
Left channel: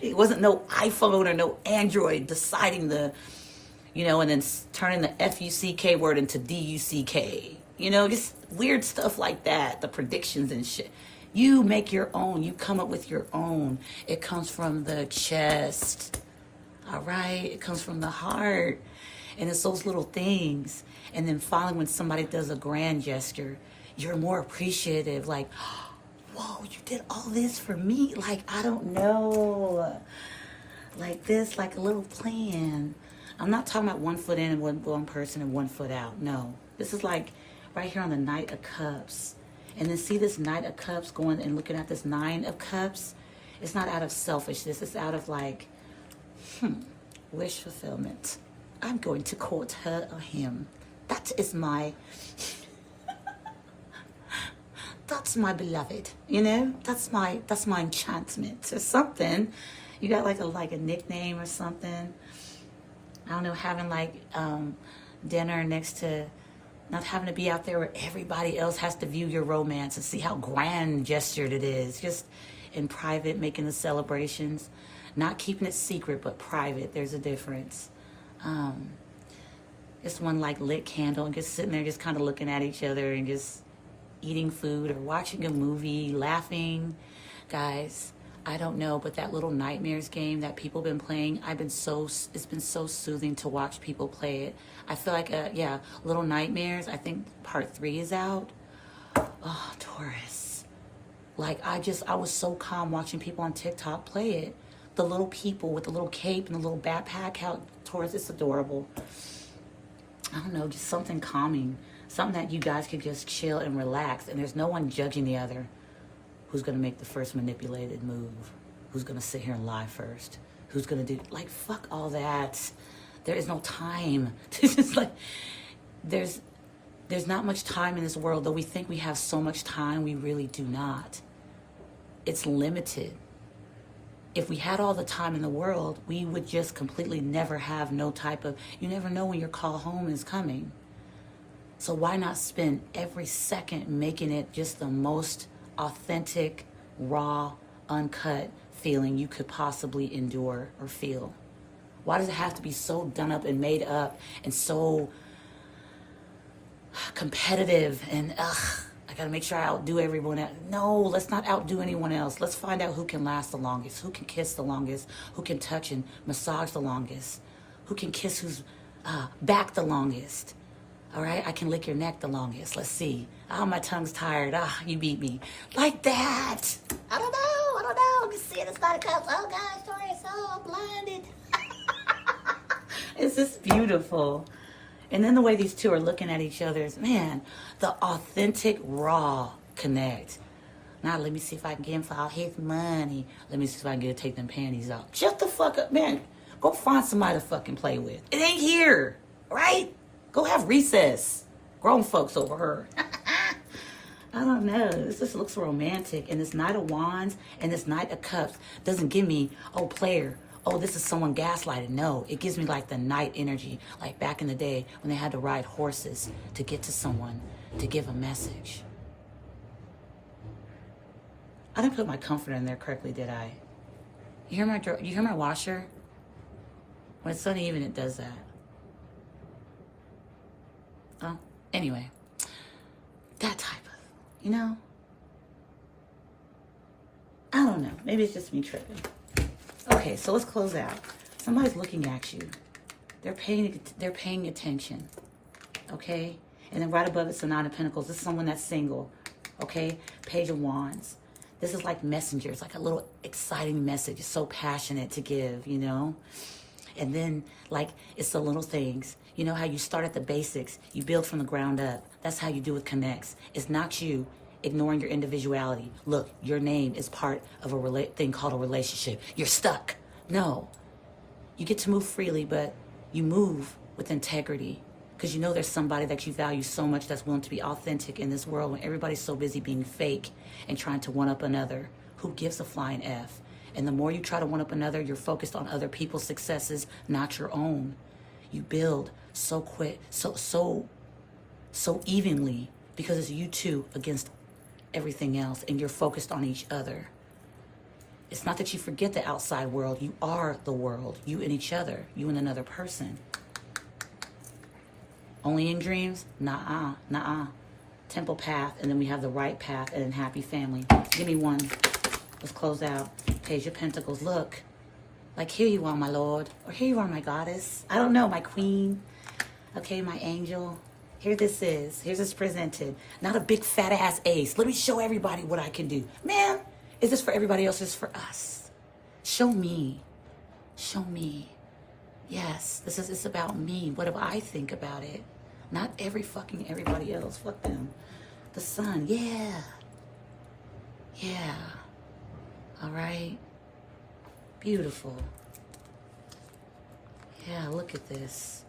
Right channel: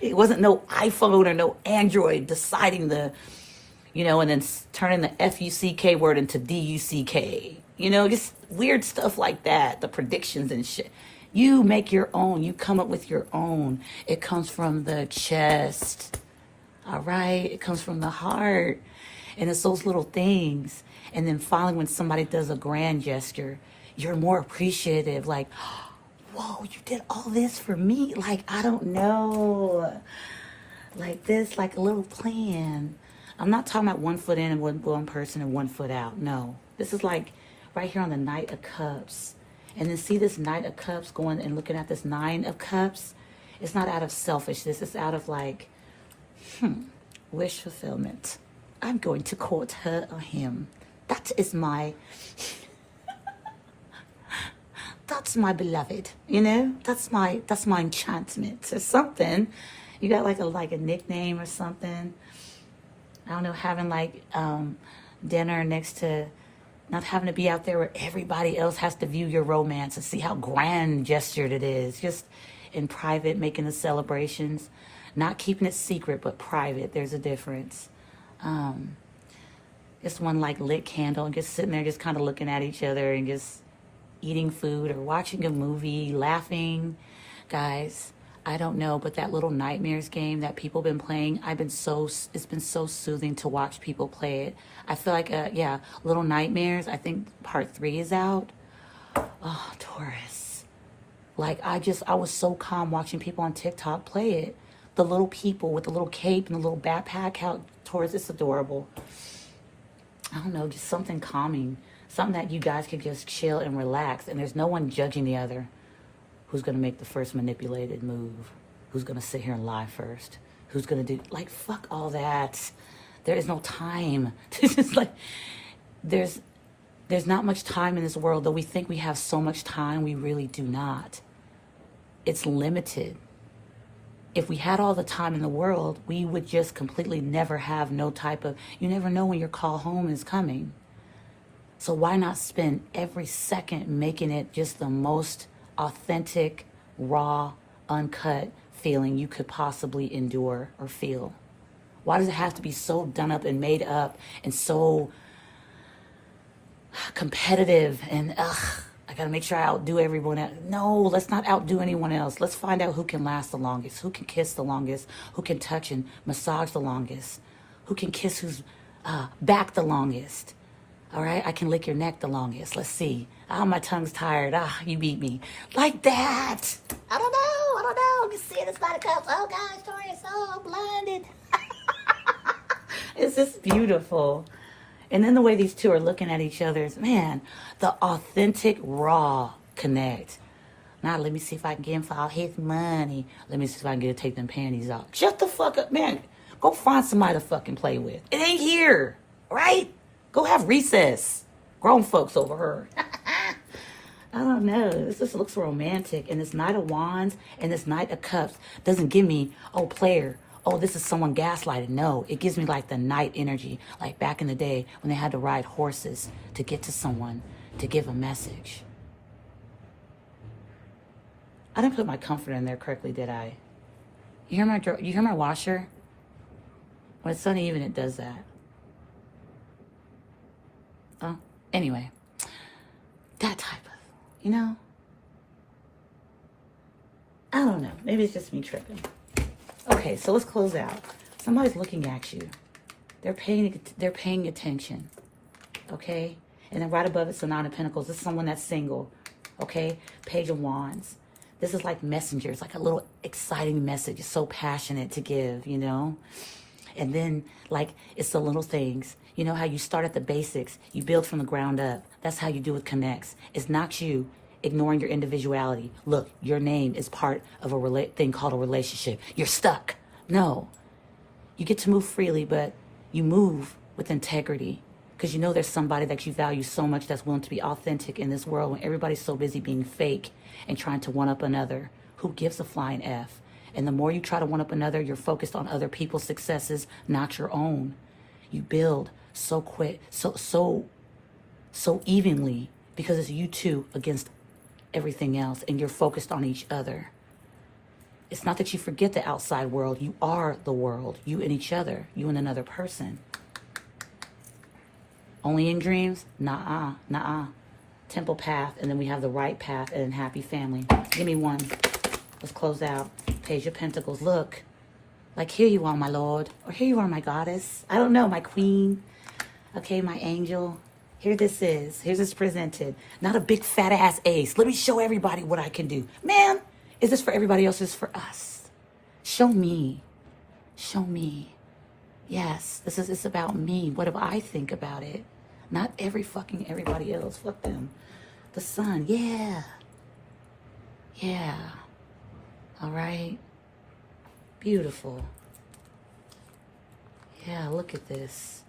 it wasn't no iPhone or no Android deciding and then turning the F-U-C-K word into D-U-C-K. Just weird stuff like that. The predictions and shit. You make your own. You come up with your own. It comes from the chest. All right? It comes from the heart. And it's those little things. And then finally, when somebody does a grand gesture, you're more appreciative. Like, whoa, you did all this for me? Like, I don't know. Like this, like a little plan. I'm not talking about 1 foot in and one person and 1 foot out. No. This is like right here on the Knight of Cups. And then see this Knight of Cups going and looking at this 9 of Cups. It's not out of selfishness. It's out of like, wish fulfillment. I'm going to court her or him. That is my, that's my beloved, That's my enchantment or something. You got like a nickname or something. I don't know, having like dinner next to, not having to be out there where everybody else has to view your romance and see how grand gestured it is. Just in private, making the celebrations. Not keeping it secret, but private. There's a difference. Just one like lit candle and just sitting there just kind of looking at each other and just eating food or watching a movie, laughing. Guys, I don't know, but that little nightmares game that people been playing, it's been so soothing to watch people play it. I feel like, Little Nightmares, I think part 3 is out. Oh, Taurus. Like, I was so calm watching people on TikTok play it. The little people with the little cape and the little backpack, how Taurus, it's adorable. I don't know, just something calming. Something that you guys can just chill and relax, and there's no one judging the other. Who's going to make the first manipulated move? Who's going to sit here and lie first? Who's going to do, like, fuck all that. There is no time. This is like, there's not much time in this world, though we think we have so much time, we really do not. It's limited. If we had all the time in the world, we would just completely never have no type of, you never know when your call home is coming. So why not spend every second making it just the most authentic, raw, uncut feeling you could possibly endure or feel? Why does it have to be so done up and made up and so competitive and I gotta make sure I outdo everyone else? No, let's not outdo anyone else. Let's find out who can last the longest, who can kiss the longest, who can touch and massage the longest, who can kiss who's back the longest. All right, I can lick your neck the longest. Let's see. Oh, my tongue's tired. You beat me. Like that. I don't know. I'm just seeing this Knight of Cups. Oh, gosh, Taurus, so blinded. It's just beautiful. And then the way these two are looking at each other's, man, the authentic, raw connect. Now, let me see if I can get him for all his money. Let me see if I can get to take them panties off. Shut the fuck up, man. Go find somebody to fucking play with. It ain't here, right? Go have recess. Grown folks over her. I don't know. This just looks romantic. And this Knight of Wands and this Knight of Cups doesn't give me, player. Oh, this is someone gaslighted. No, it gives me like the knight energy. Like back in the day when they had to ride horses to get to someone to give a message. I didn't put my comforter in there correctly, did I? You hear my washer? When it's uneven, it does that. Oh, anyway, that type of, I don't know. Maybe it's just me tripping. Okay, so let's close out. Somebody's looking at you. They're paying attention. Okay? And then right above it's the Nine of Pentacles. This is someone that's single. Okay? Page of Wands. This is like messengers, like a little exciting message. It's so passionate to give, you know? And then, like, it's the little things. You know how you start at the basics. You build from the ground up. That's how you do with connects. It's not you ignoring your individuality. Look, your name is part of a thing called a relationship. You're stuck. No. You get to move freely, but you move with integrity. Because you know there's somebody that you value so much that's willing to be authentic in this world when everybody's so busy being fake and trying to one-up another. Who gives a flying F? And the more you try to one-up another, you're focused on other people's successes, not your own. You build so quick, so evenly, because it's you two against everything else, and you're focused on each other. It's not that you forget the outside world. You are the world. You and each other. You and another person. Only in dreams? Nah. Temple path, and then we have the right path and happy family. Give me one. Let's close out. Page of Pentacles. Look. Like, here you are, my Lord. Or here you are, my goddess. I don't know, my queen. Okay, my angel. Here this is. Here's this presented. Not a big fat ass ace. Let me show everybody what I can do. Man, is this for everybody else? Is this for us? Show me. Show me. Yes, it's about me. What do I think about it? Not everybody else. Fuck them. The sun. Yeah. Yeah. All right. Beautiful. Yeah, look at this.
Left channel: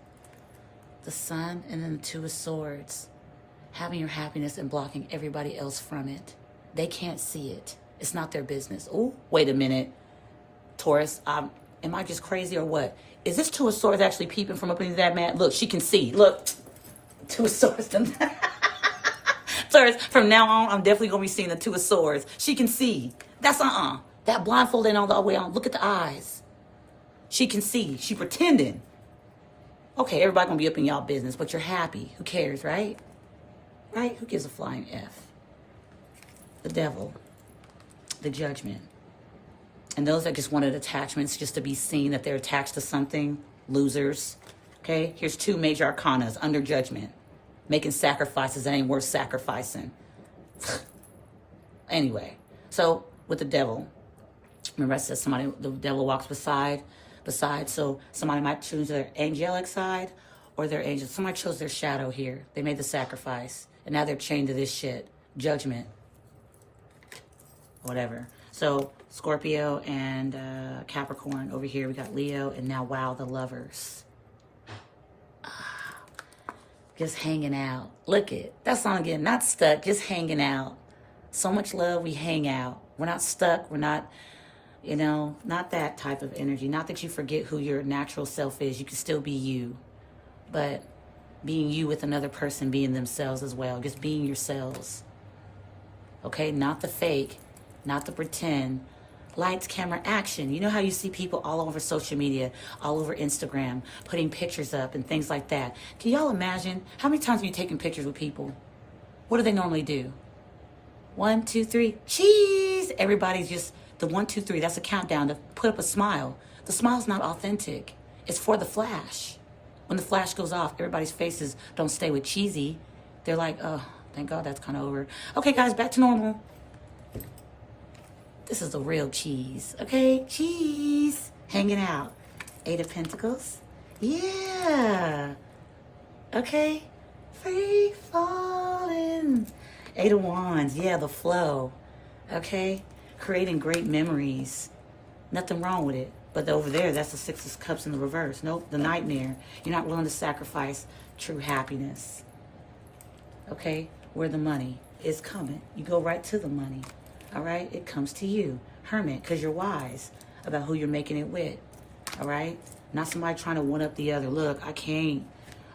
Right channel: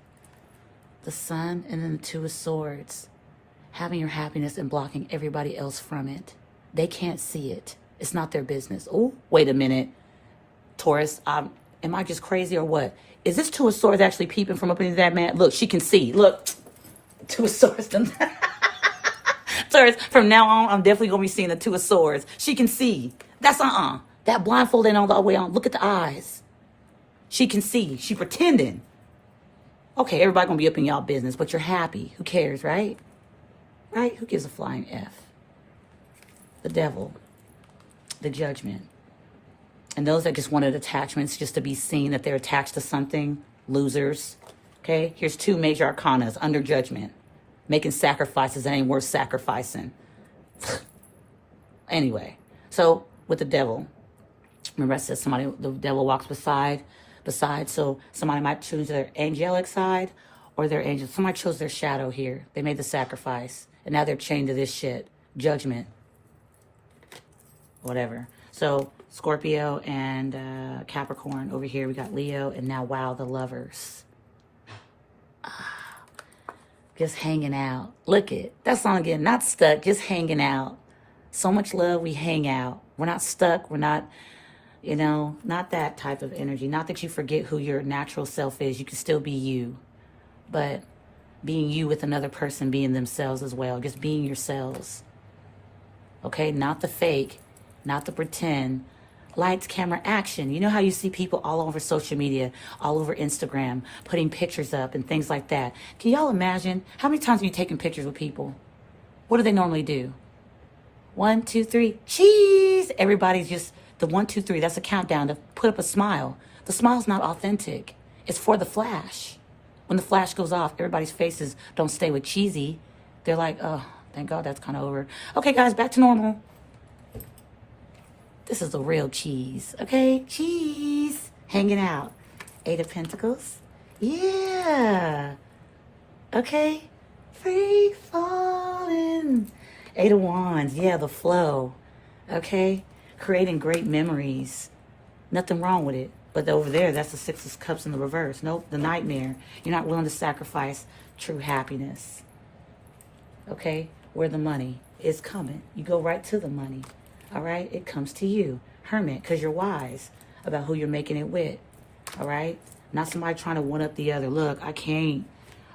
The sun and then the Two of Swords. Having your happiness and blocking everybody else from it. They can't see it. It's not their business. Oh, wait a minute. Taurus, am I just crazy or what? Is this Two of Swords actually peeping from up into that man? Look, she can see. Look. Two of Swords. Taurus, from now on, I'm definitely going to be seeing the Two of Swords. She can see. That's That blindfold ain't all the way on. Look at the eyes. She can see. She pretending. Okay, everybody going to be up in y'all business, but you're happy. Who cares, right? Right? Who gives a flying F? The Devil. The Judgment. And those that just wanted attachments just to be seen that they're attached to something, losers. Okay, here's two major arcanas under judgment. Making sacrifices that ain't worth sacrificing. Anyway, so with the Devil, remember I said the devil walks beside, so somebody might choose their angelic side or their angel. Somebody chose their shadow here. They made the sacrifice, and now they're chained to this shit. Judgment. Whatever. So Scorpio and Capricorn. Over here we got Leo, and now wow, the Lovers. Just hanging out. Look it. That song again. Not stuck. Just hanging out. So much love. We hang out. We're not stuck. We're not, not that type of energy. Not that you forget who your natural self is. You can still be you. But being you with another person being themselves as well. Just being yourselves. Okay? Not the fake. Not the pretend. Lights, camera, action. You know how you see people all over social media, all over Instagram, putting pictures up and things like that. Can y'all imagine how many times have you taken pictures with people? What do they normally do? 1, 2, 3, cheese. Everybody's just the 1, 2, 3. That's a countdown to put up a smile. The smile's not authentic. It's for the flash. When the flash goes off, everybody's faces don't stay with cheesy. They're like, oh, thank God that's kind of over. Okay, guys, back to normal. This is the real cheese, okay? Cheese. Hanging out. 8 of Pentacles. Yeah. Okay. Free falling. 8 of Wands. Yeah, the flow. Okay? Creating great memories. Nothing wrong with it. But over there, that's the 6 of Cups in the reverse. Nope, the nightmare. You're not willing to sacrifice true happiness. Okay? Where the money is coming. You go right to the money. All right? It comes to you. Hermit, because you're wise about who you're making it with. All right? Not somebody trying to one up the other. Look, I can't.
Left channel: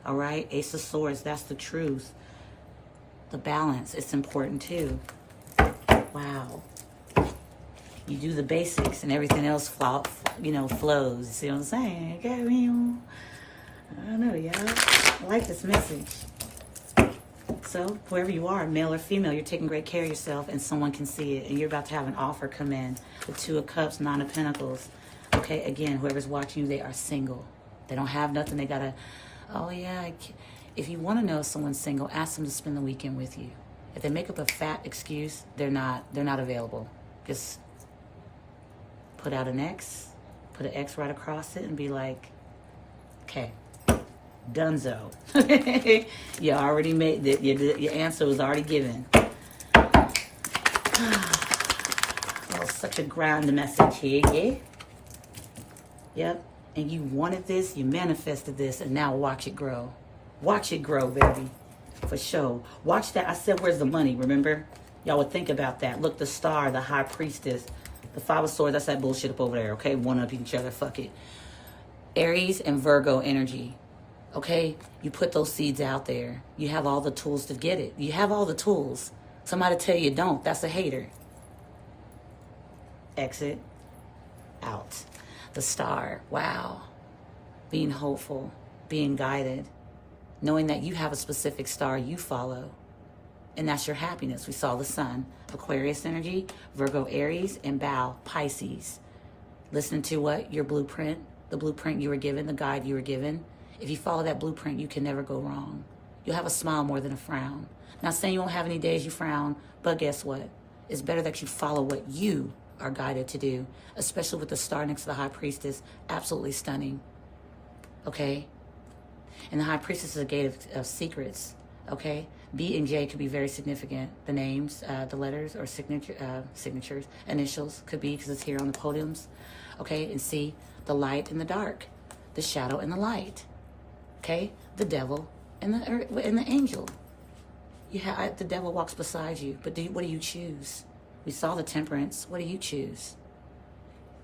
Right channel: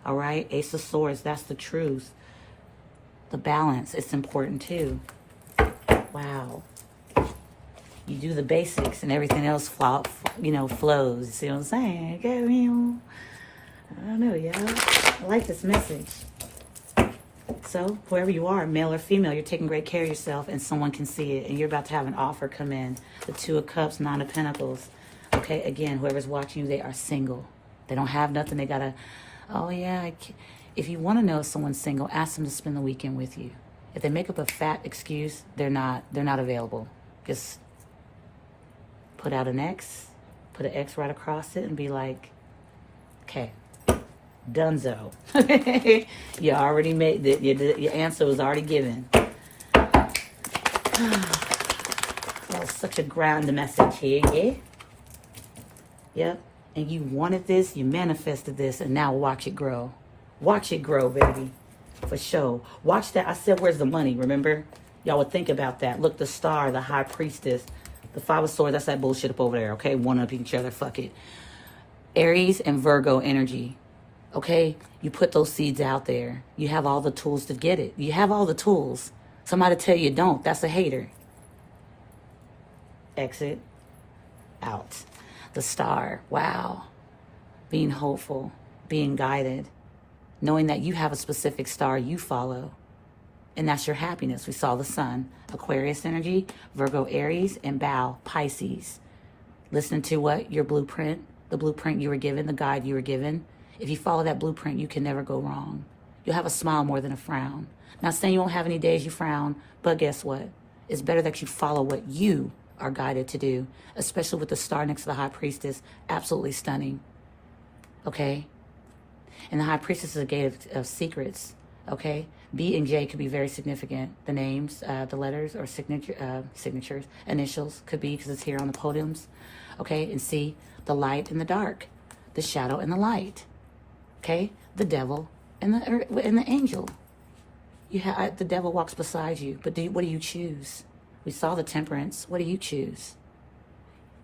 All right? Ace of Swords, that's the truth. The balance, it's important too. Wow. You do the basics and everything else flows. See what I'm saying? Okay, I don't know, y'all. I like this message. Also, whoever you are, male or female, you're taking great care of yourself and someone can see it. And you're about to have an offer come in. The Two of Cups, Nine of Pentacles. Okay, again, whoever's watching you, they are single. They don't have nothing. They got to, oh yeah. If you want to know if someone's single, ask them to spend the weekend with you. If they make up a fat excuse, they're not available. Just put out an X, put an X right across it and be like, okay, dunzo. You already made it. Your answer was already given. Oh, such a ground message here, yeah? Yep. And you wanted this, you manifested this, and now watch it grow. Watch it grow, baby. For sure. Watch that. I said, where's the money? Remember? Y'all would think about that. Look, the star, the high priestess, the Five of Swords, that's that bullshit up over there, okay? One up each other, fuck it. Aries and Virgo energy, okay? You put those seeds out there. You have all the tools to get it. You have all the tools. Somebody tell you don't, that's a hater. Exit. Out. The star, wow. Being hopeful, being guided, knowing that you have a specific star you follow, and that's your happiness. We saw the sun, Aquarius energy, Virgo, Aries, and Bow, Pisces. Listen to what? Your blueprint, the blueprint you were given, the guide you were given. If you follow that blueprint, you can never go wrong. You'll have a smile more than a frown. Not saying you won't have any days you frown, but guess what? It's better that you follow what you are guided to do, especially with the star next to the high priestess. Absolutely stunning. Okay? And the high priestess is a gate of secrets. Okay? B and J could be very significant. The names, the letters, or signatures, initials could be, because it's here on the podiums. Okay? And C, the light and the dark, the shadow and the light. Okay? The devil and the angel. You have the devil walks beside you, but what do you choose? We saw the Temperance. What do you choose?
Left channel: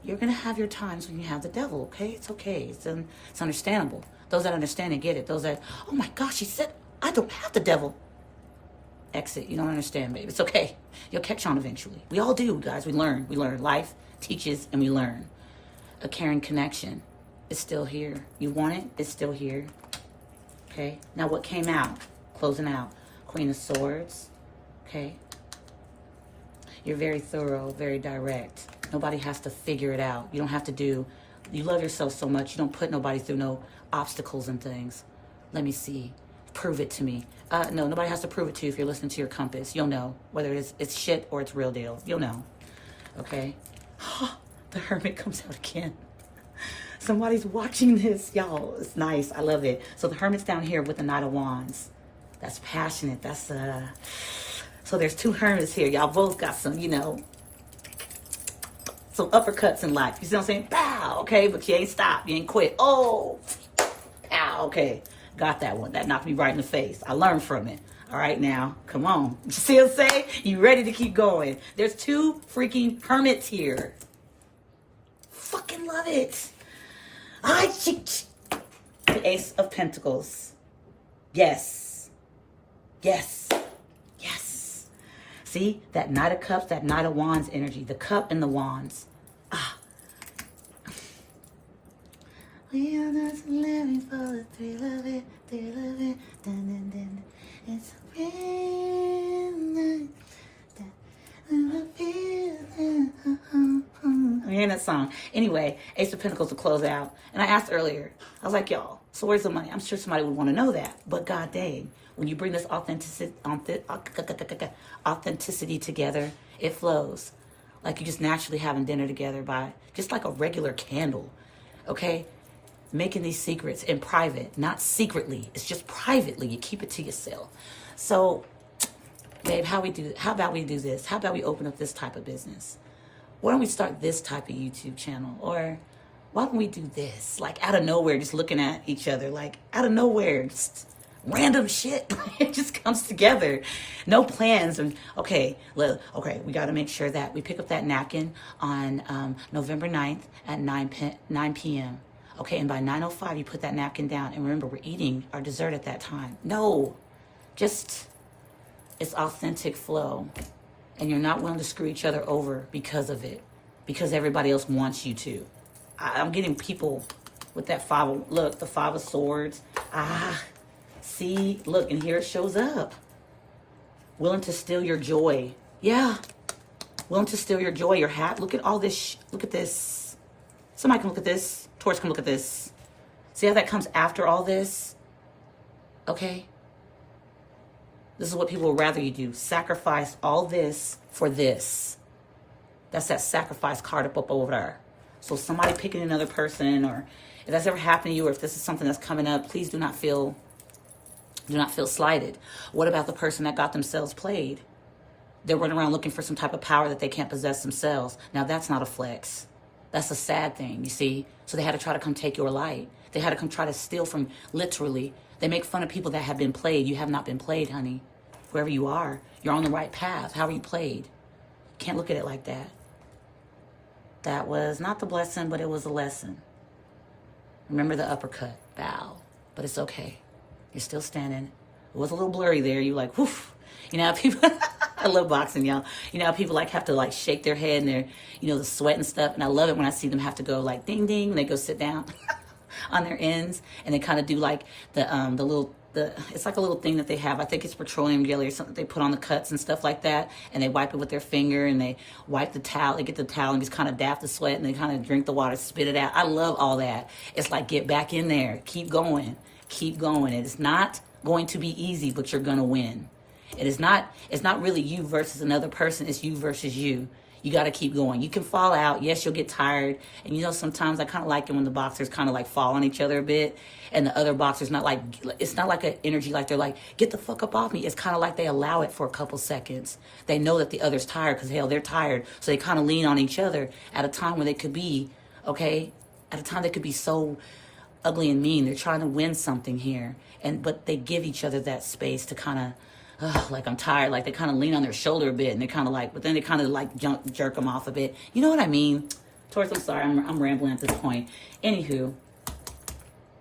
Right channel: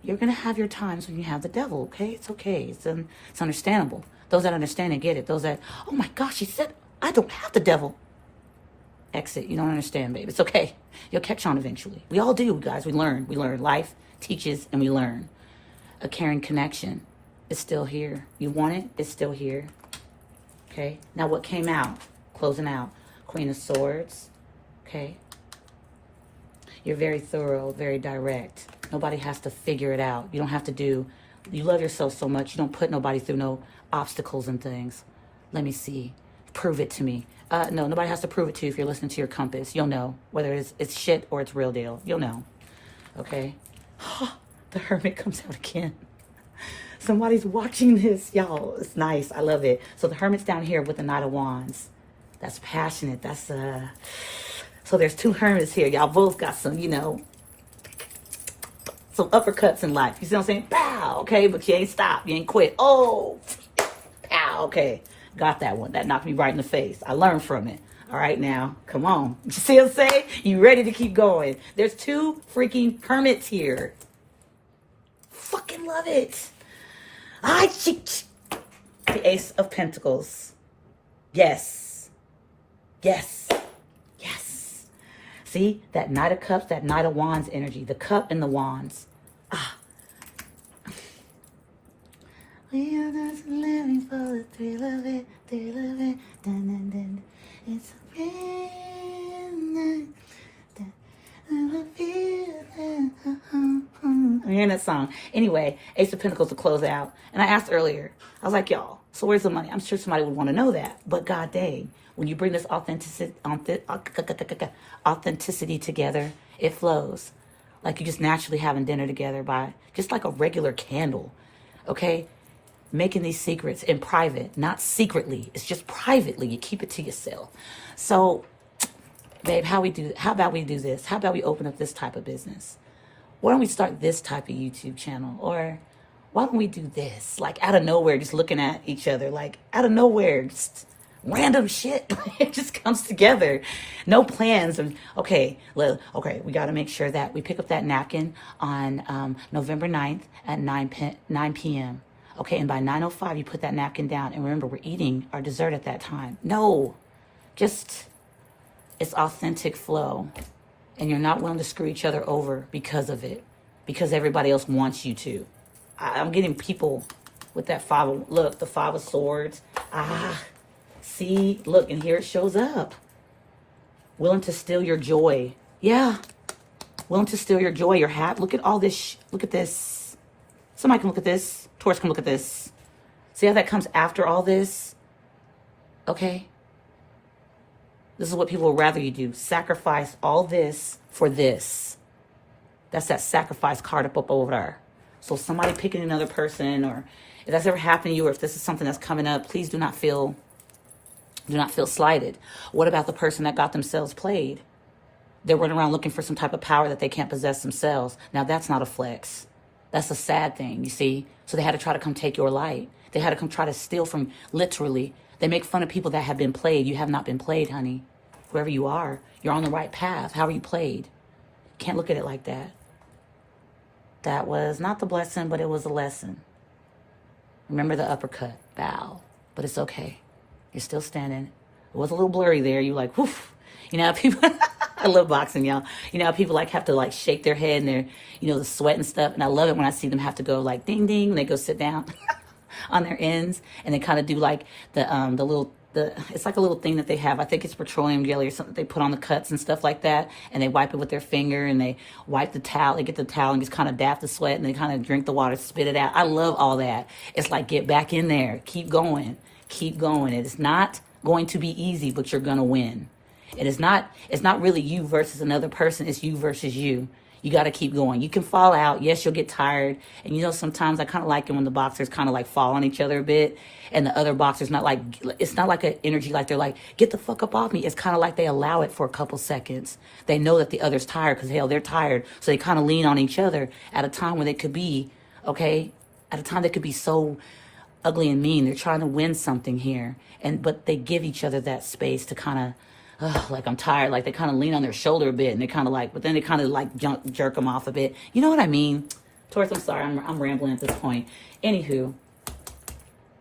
You're going to have your times when you have the devil, okay? It's okay. It's understandable. Those that understand and get it. Those that, oh my gosh, he said, I don't have the devil. Exit. You don't understand, babe. It's okay. You'll catch on eventually. We all do, guys. We learn. We learn. Life teaches and we learn. A caring connection is still here. You want it? It's still here. Okay? Now what came out? Closing out. Queen of Swords. Okay? You're very thorough, very direct. Nobody has to figure it out. You don't have to you love yourself so much, you don't put nobody through no obstacles and things. Let me see. Prove it to me. No, nobody has to prove it to you if you're listening to your compass. You'll know whether it's shit or it's real deal. You'll know. Okay? The Hermit comes out again. Somebody's watching this. Y'all, it's nice. I love it. So the Hermit's down here with the Knight of Wands. That's passionate. That's, So there's two Hermits here. Y'all both got some, some uppercuts in life. You see what I'm saying? Pow! Okay, but you ain't stopped. You ain't quit. Oh! Pow! Okay. Got that one. That knocked me right in the face. I learned from it. All right, now, come on. You see what I'm saying? You ready to keep going. There's two freaking Hermits here. Fucking love it. The Ace of Pentacles. Yes. Yes. Yes. See, that Knight of Cups, that Knight of Wands energy. The cup and the wands. We are just living for the thrill of it, dun, dun, dun. It's a real night. I'm hearing that song. Anyway, Ace of Pentacles to close it out. And I asked earlier, I was like, y'all, so where's the money? I'm sure somebody would want to know that. But god dang, when you bring this authenticity together, it flows. Like you're just naturally having dinner together by just like a regular candle. Okay? Making these secrets in private, not secretly. It's just privately. You keep it to yourself. So, babe, how about we do this? How about we open up this type of business? Why don't we start this type of YouTube channel? Or why don't we do this? Like out of nowhere, just looking at each other. Like out of nowhere, just random shit. It just comes together. No plans. And okay, we got to make sure that we pick up that napkin on November 9th at 9 p.m. Okay, and by 9:05, you put that napkin down. And remember, we're eating our dessert at that time. No, just, it's authentic flow. And you're not willing to screw each other over because of it. Because everybody else wants you to. I'm getting people with that the Five of Swords. See, look, and here it shows up. Willing to steal your joy. Yeah. Willing to steal your joy, your hat. Look at all this. Look at this. Somebody can look at this. Taurus can look at this. See how that comes after all this? Okay? This is what people would rather you do. Sacrifice all this for this. That's that sacrifice card up over there. So somebody picking another person, or if that's ever happened to you, or if this is something that's coming up, please do not feel slighted. What about the person that got themselves played? They're running around looking for some type of power that they can't possess themselves. Now that's not a flex. That's a sad thing, you see? So they had to try to come take your light. They had to come try to steal from, literally. They make fun of people that have been played. You have not been played, honey. Whoever you are, you're on the right path. How are you played? Can't look at it like that. That was not the blessing, but it was a lesson. Remember the uppercut. Bow. But it's okay. You're still standing. It was a little blurry there. You like, woof. You know how people, I love boxing, y'all. You know how people like have to like shake their head and they're, you know, the sweat and stuff. And I love it when I see them have to go like ding, ding. And they go sit down on their ends. And they kind of do like it's like a little thing that they have. I think it's petroleum jelly or something they put on the cuts and stuff like that. And they wipe it with their finger and they wipe the towel. They get the towel and just kind of dap the sweat and they kind of drink the water, spit it out. I love all that. It's like, get back in there. Keep going. Keep going. It's not going to be easy, but you're going to win. It's not really you versus another person. It's you versus you. You got to keep going. You can fall out. Yes, you'll get tired. And you know, sometimes I kind of like it when the boxers kind of like fall on each other a bit. And the other boxers it's not like an energy like they're like, get the fuck up off me. It's kind of like they allow it for a couple seconds. They know that the other's tired because, hell, they're tired. So they kind of lean on each other at a time when they could be, okay, at a time they could be so ugly and mean. They're trying to win something here. But they give each other that space to kind of, like, I'm tired. Like, they kind of lean on their shoulder a bit. And they kind of like, but then they kind of like jerk them off a bit. You know what I mean? Taurus, I'm sorry. I'm rambling at this point. Anywho.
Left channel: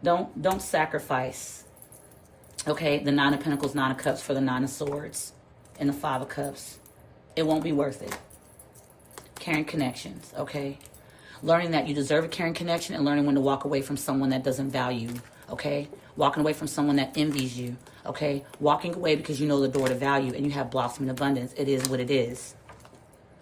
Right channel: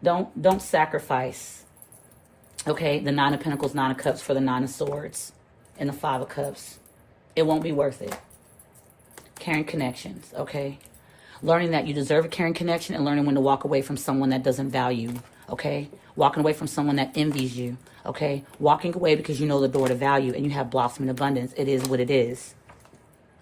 Don't sacrifice, okay, the Nine of Pentacles, Nine of Cups for the Nine of Swords and the Five of Cups. It won't be worth it. Caring connections, okay? Learning that you deserve a caring connection and learning when to walk away from someone that doesn't value, okay? Walking away from someone that envies you, okay? Walking away because you know the door to value and you have blossoming abundance. It is what it is,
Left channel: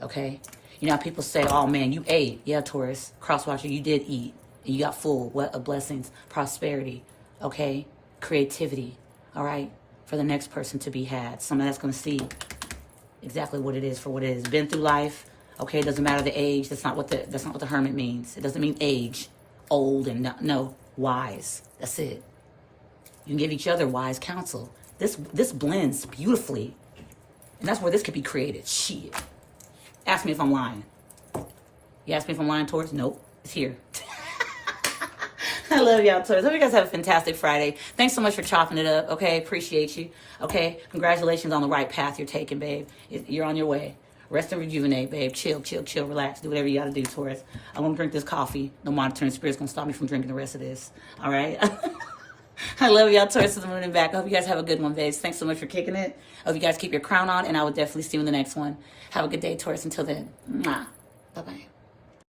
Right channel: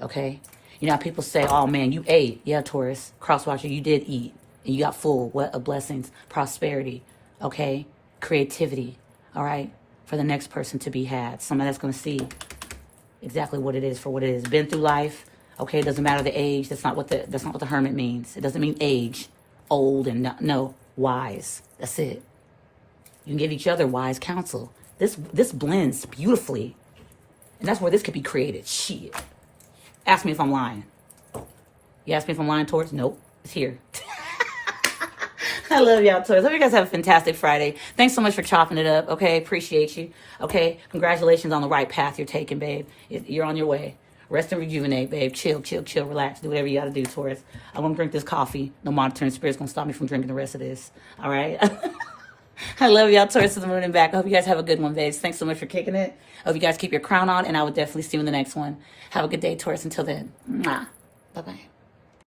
okay? You know how people say, oh, man, you ate. Yeah, Taurus, crosswatcher, you did eat. And you got full. What a blessings. Prosperity. Okay? Creativity. All right? For the next person to be had. Somebody that's going to see exactly what it is for what it is. Been through life. Okay? It doesn't matter the age. That's not what the hermit means. It doesn't mean age. Old and not, no. Wise. That's it. You can give each other wise counsel. This blends beautifully. And that's where this could be created. Shit. Ask me if I'm lying. You ask me if I'm lying, Taurus? Nope. It's here. I love y'all, Taurus. Hope you guys have a fantastic Friday. Thanks so much for chopping it up, okay? Appreciate you, okay? Congratulations on the right path you're taking, babe. You're on your way. Rest and rejuvenate, babe. Chill, relax. Do whatever you got to do, Taurus. I'm going to drink this coffee. No monitoring spirit's going to stop me from drinking the rest of this, all right? I love y'all, Taurus to the moon and back. I hope you guys have a good one, babes. Thanks so much for kicking it. I hope you guys keep your crown on, and I will definitely see you in the next one. Have a good day, Taurus. Until then, mwah. Bye-bye.